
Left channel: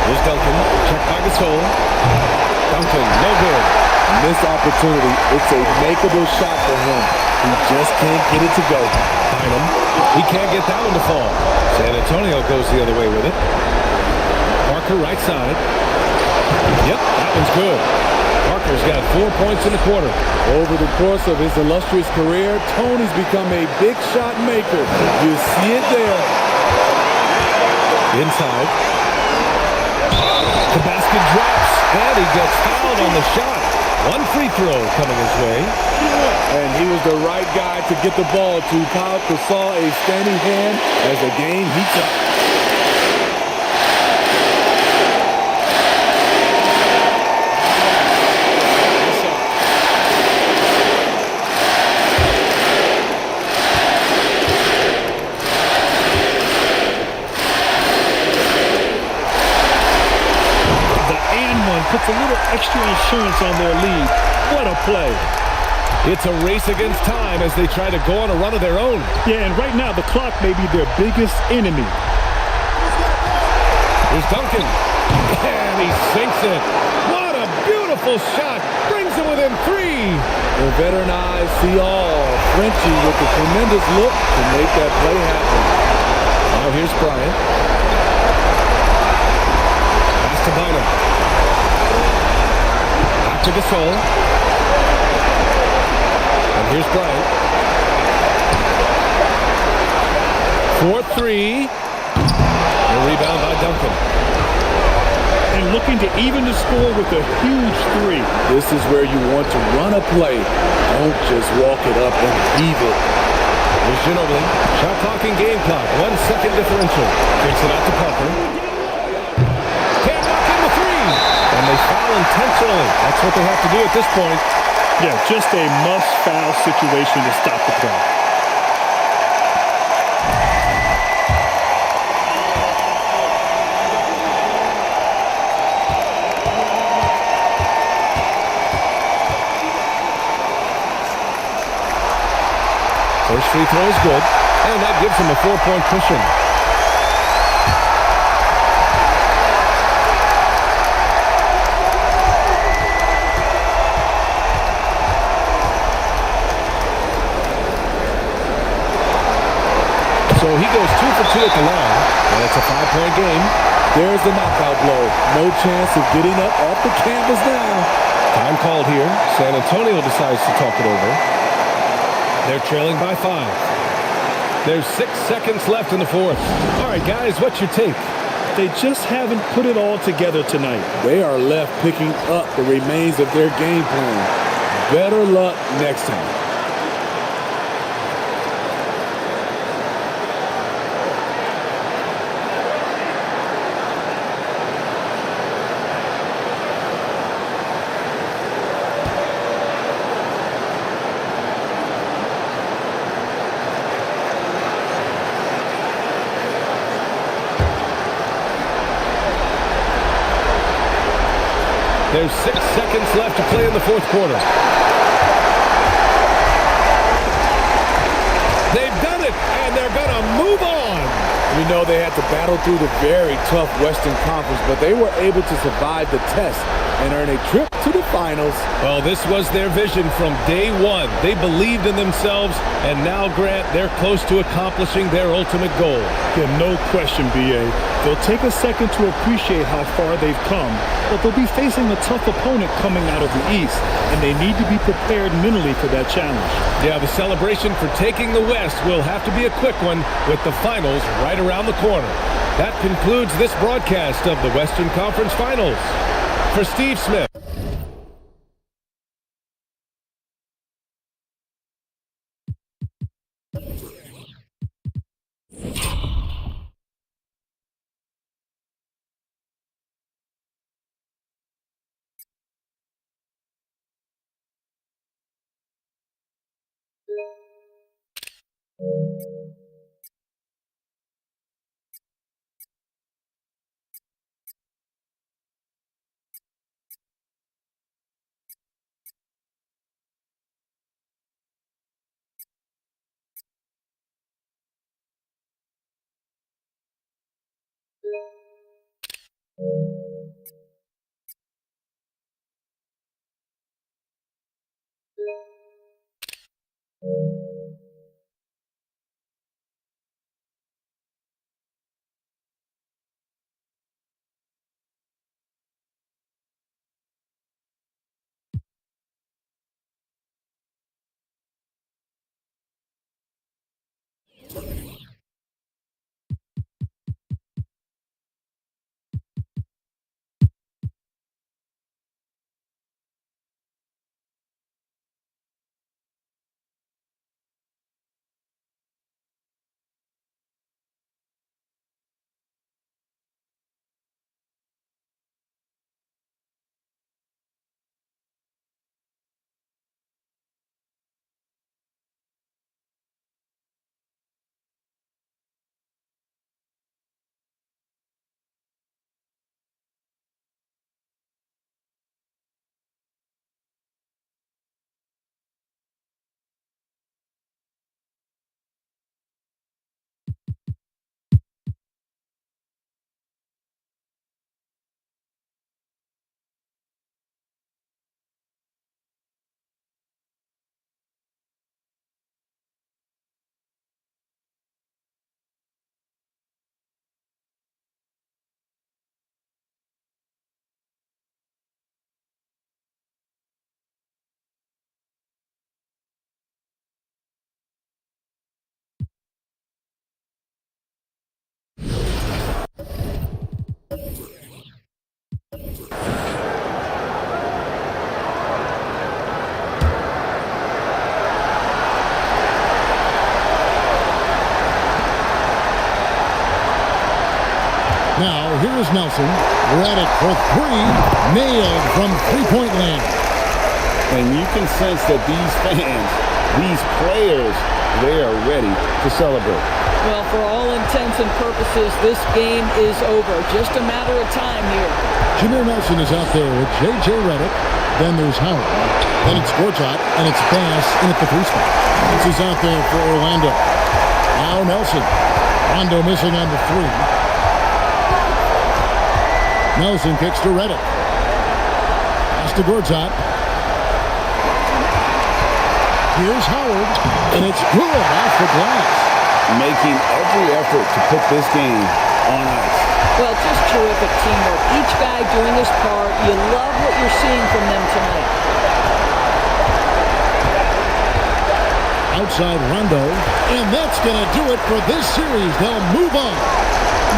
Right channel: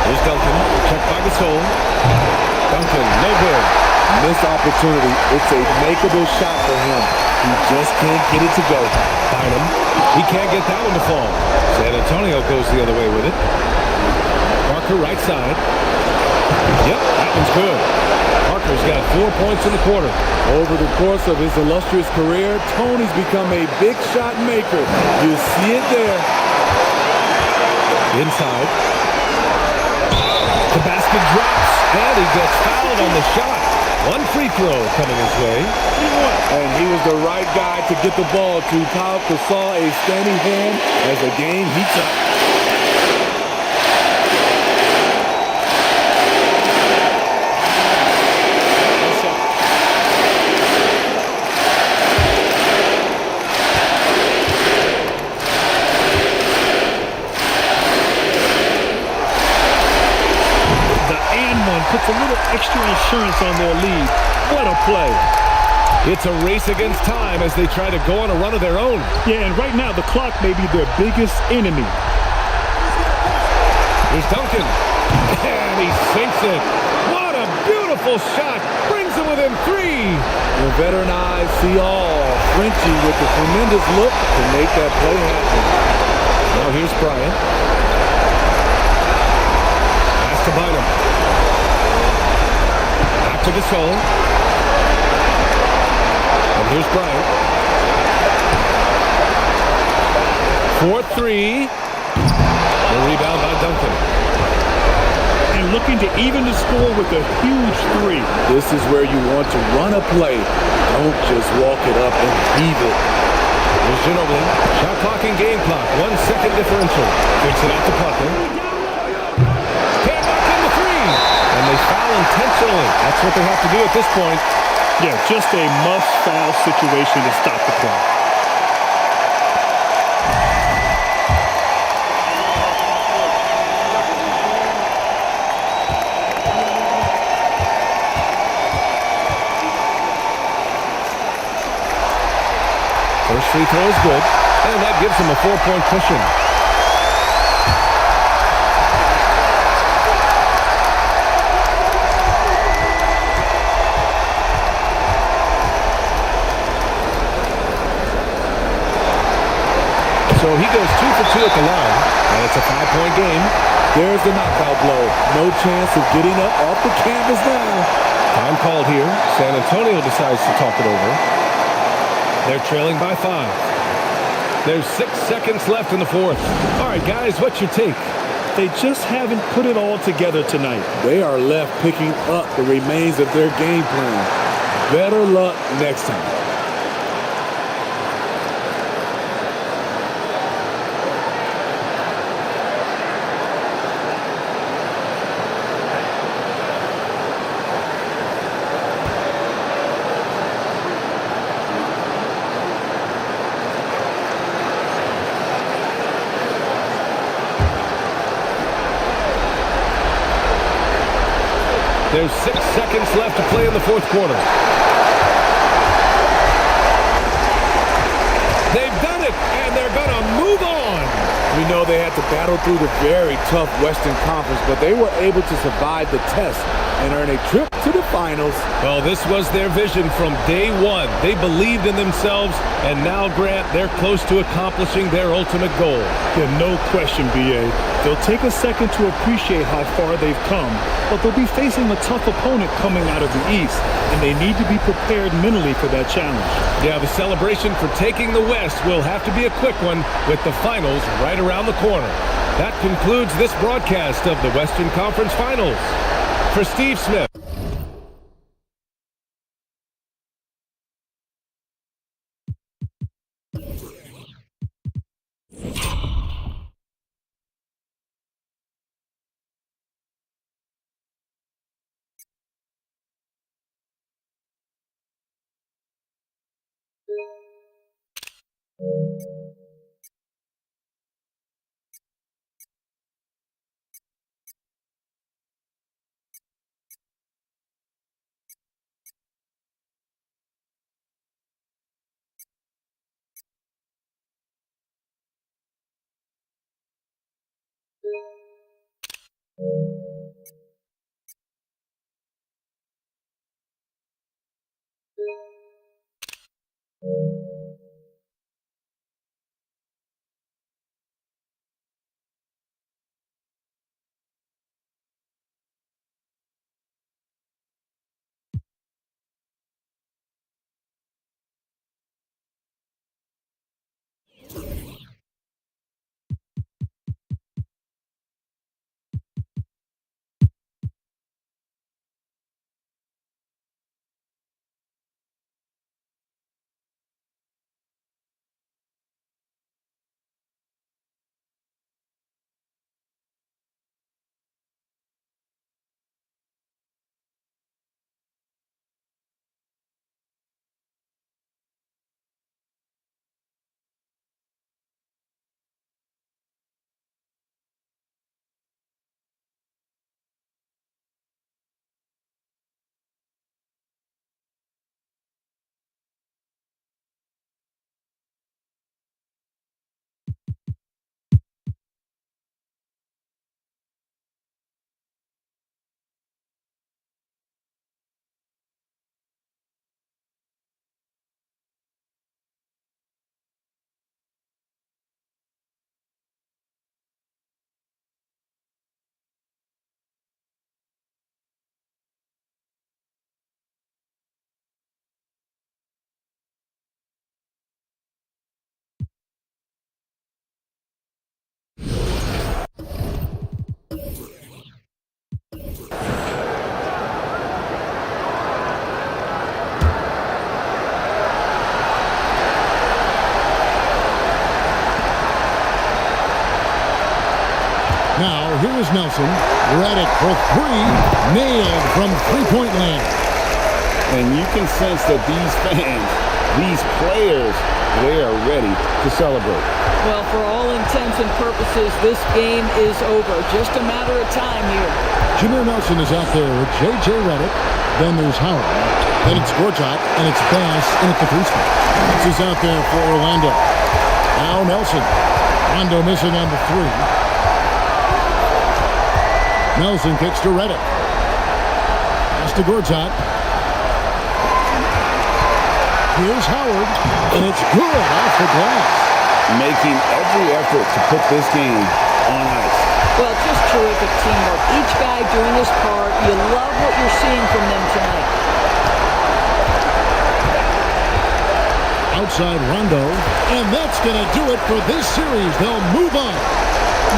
Here's Duncan. Checked by Gasol. Duncan, no good. Missed opportunity. It's a makeable shot for him. He just can't get it to go. Bynum. He can't get that one to fall. San Antonio goes the other way with it. Parker right side. Yep, that one's good. Parker's got 4 points in the quarter. Over the course of his illustrious career, Tony's become a big shot maker. You see it there. Inside. The basket drops, and he gets fouled on the shot. One free throw coming his way. And he was the right guy to get the ball to. Pau Gasol, a steady hand as the game heats up. Puts a little extra insurance on their lead. What a play. It's a race against time as they try to go on a run of their own. Yeah, and right now the clock may be their biggest enemy. Here's Duncan. And he sinks it. What a beautiful shot. Brings him within three. The veteran eyes see all. Frenchie with the tremendous look to make that play happen. Now here's Bryant. Pass to Bynum. To Gasol. And here's Bryant. 4-3. The rebound by Duncan. And looking to even the score with a huge three. This is where you want to run a play. Don't just walk it up and heave it. Here's Ginobili. Shot clock and game clock. 1 second differential. Kicks it out to Parker. Can't knock in the three. And they foul intentionally. That's what they have to do at this point. Yeah, just a must-foul situation to stop the clock. First free throw is good, and that gives them a 4-point cushion. So he goes 2 for 2 at the line, and it's a 5-point game. There's the knockout blow. No chance of getting up off the canvas now. Time called here. San Antonio decides to talk it over. They're trailing by 5. There's 6 seconds left in the fourth. All right, guys, what's your take? They just haven't put it all together tonight. They are left picking up the remains of their game plan. Better luck next time. There's 6 seconds left to play in the fourth quarter. done it, and they're going to move on. You know, they had to battle through the very tough Western Conference, but they were able to survive the test and earn a trip to the finals. Well, this was their vision from day one. They believed in themselves, and now, Grant, they're close to accomplishing their ultimate goal. Yeah, no question, B.A. They'll take a second to appreciate how far they've come, but they'll be facing a tough opponent coming out of the East, and they need to be prepared mentally for that challenge. Yeah, the celebration for taking the West will have to be a quick one with the finals right around the corner. That concludes this broadcast of the Western Conference Finals. For Steve Smith. Now, here is Nelson. Reddick for three. Nailed from three-point land. And you can sense that these fans, these players, they are ready to celebrate. Well, for all intents and purposes, this game is over. Just a matter of time here. Jameer Nelson is out there with J.J. Reddick. Then there's Howard. Then it's Gortat, and it's Bass in at the three spot. This is out there for Orlando. Now Nelson. Rondo missing on the three. Nelson kicks to Reddick. Pass to Gortat. Here's Howard, and it's good off the glass. Making every effort to put this game on ice. Well, just terrific teamwork. Each guy doing his part. You love what you're seeing from them tonight. Outside Rondo, and that's going to do it for this series. They'll move on.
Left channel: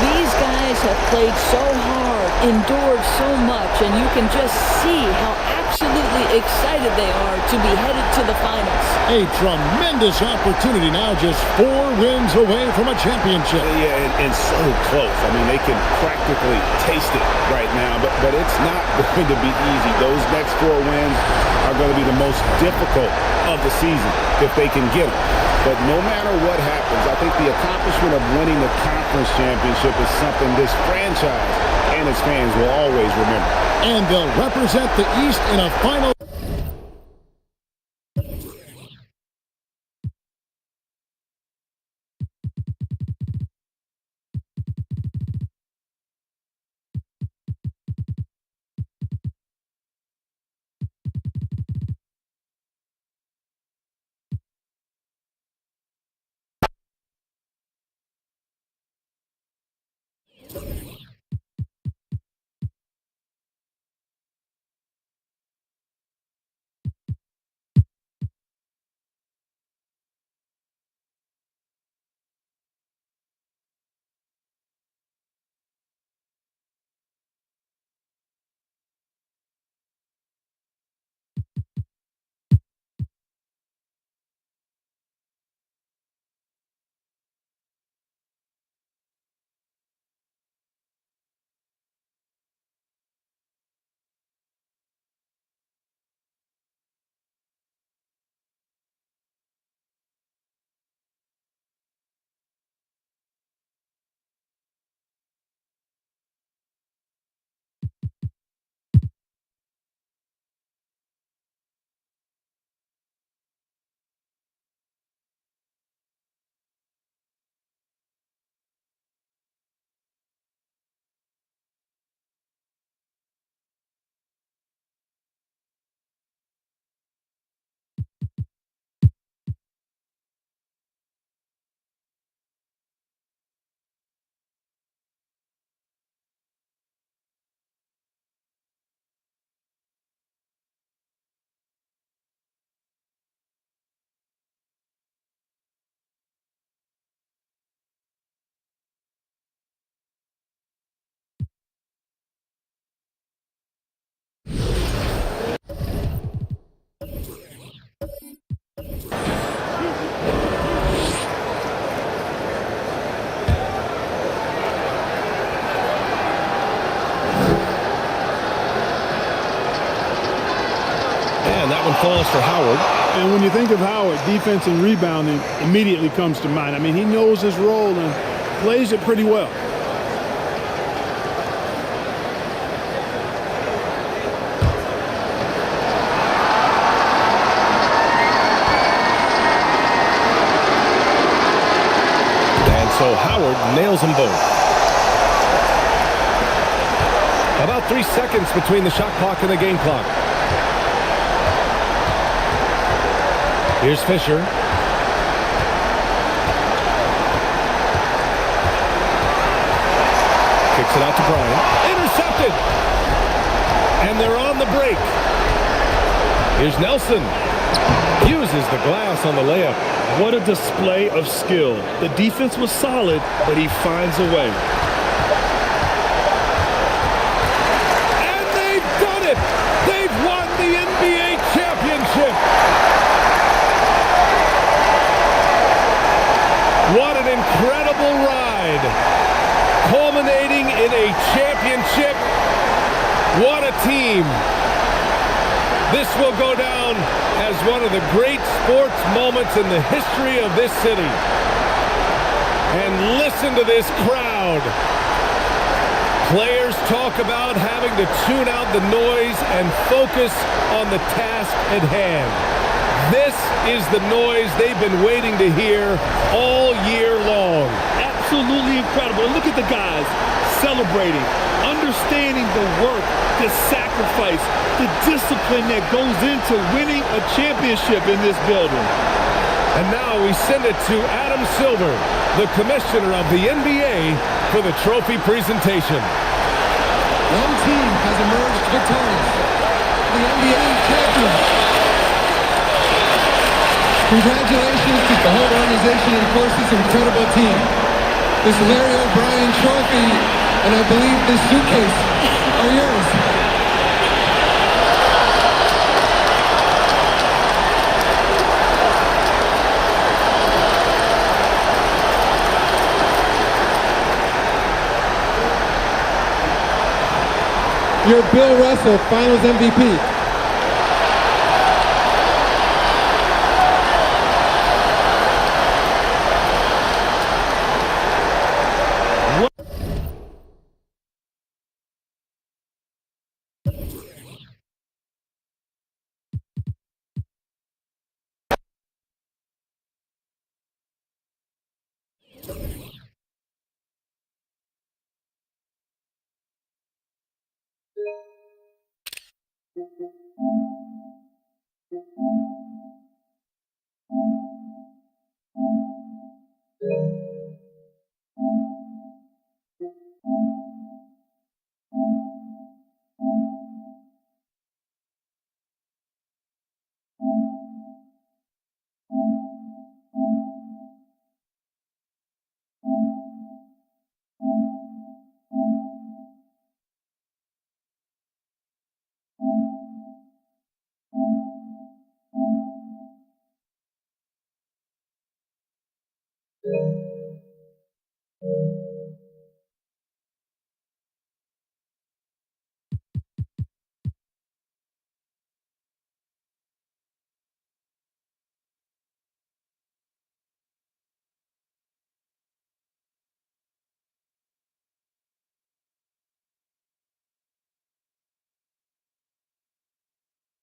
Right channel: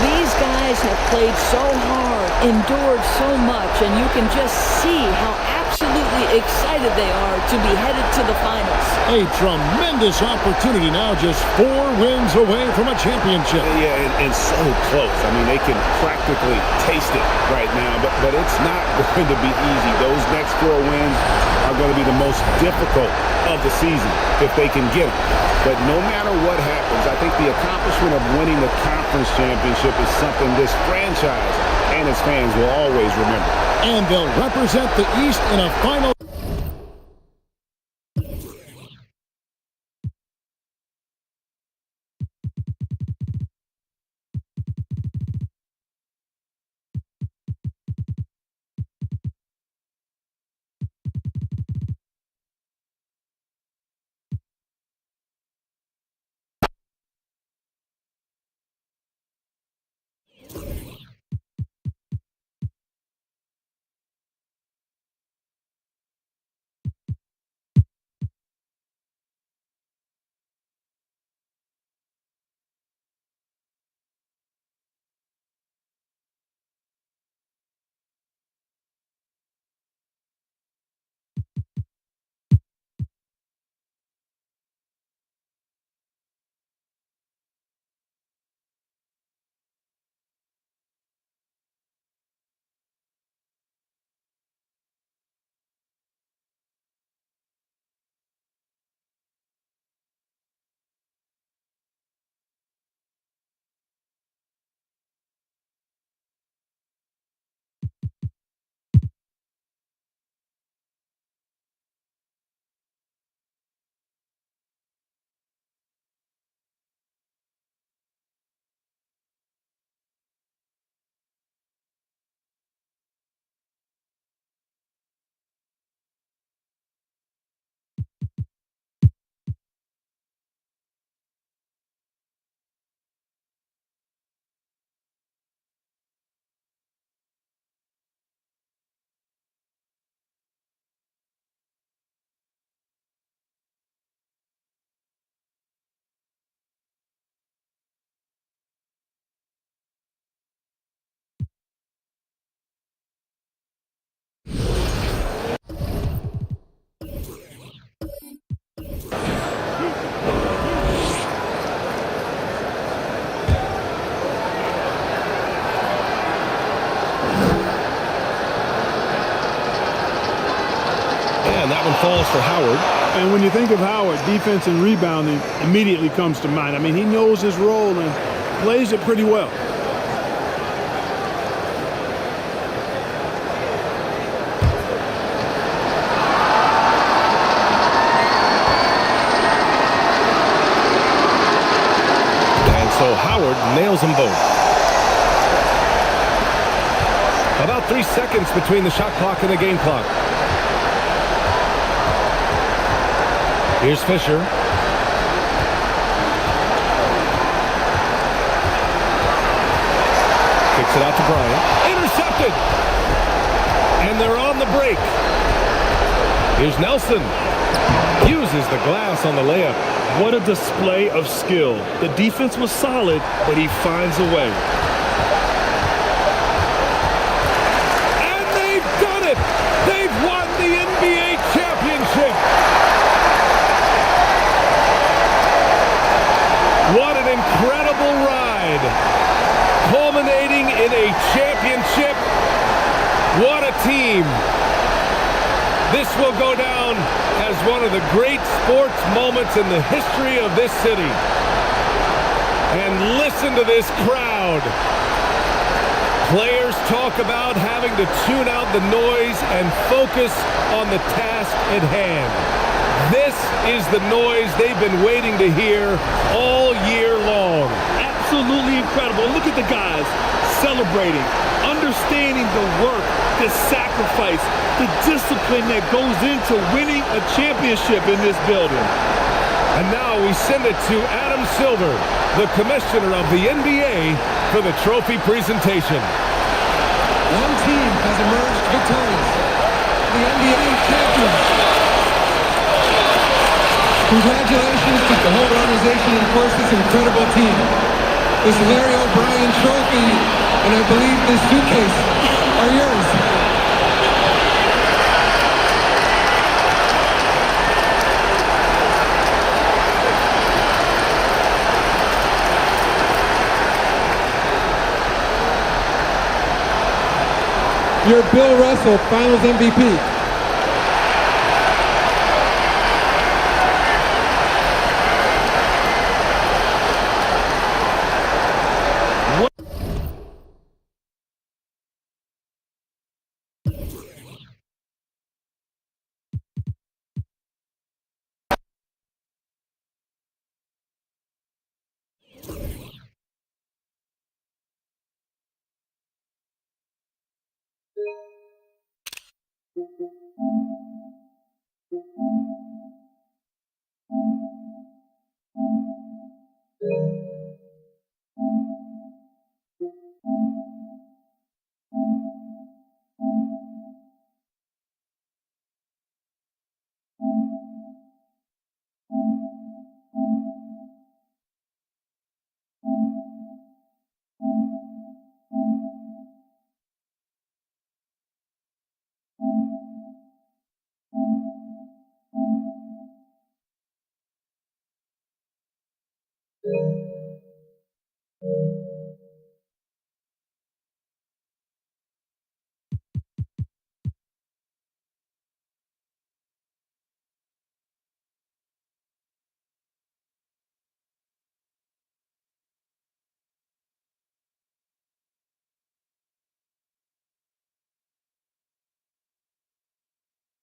These guys have played so hard, endured so much, and you can just see how absolutely excited they are to be headed to the finals. A tremendous opportunity now, just 4 wins away from a championship. Yeah, and so close. I mean, they can practically taste it right now, but it's not going to be easy. Those next 4 wins are going to be the most difficult of the season if they can get them. But no matter what happens, I think the accomplishment of winning the conference championship is something this franchise and its fans will always remember. And they'll represent the East in a final. And that one falls for Howard. And when you think of Howard, defense and rebounding immediately comes to mind. I mean, he knows his role and plays it pretty well. And so Howard nails them both. About 3 seconds between the shot clock and the game clock. Here's Fisher. Kicks it out to Bryant. Intercepted. And they're on the break. Here's Nelson. Uses the glass on the layup. What a display of skill. The defense was solid, but he finds a way. And they've done it. They've won the NBA championship. What an incredible ride. Culminating in a championship. What a team. This will go down as one of the great sports moments in the history of this city. And listen to this crowd. Players talk about having to tune out the noise and focus on the task at hand. This is the noise they've been waiting to hear all year long. Absolutely incredible. And look at the guys celebrating, understanding the work, the sacrifice, the discipline that goes into winning a championship in this building. And now we send it to Adam Silver, the commissioner of the NBA, for the trophy presentation. One team has emerged victorious, the NBA champions. Congratulations to the whole organization and, of course, this incredible team. This Larry O'Brien trophy, and I believe this suitcase are yours. You're Bill Russell, Finals MVP.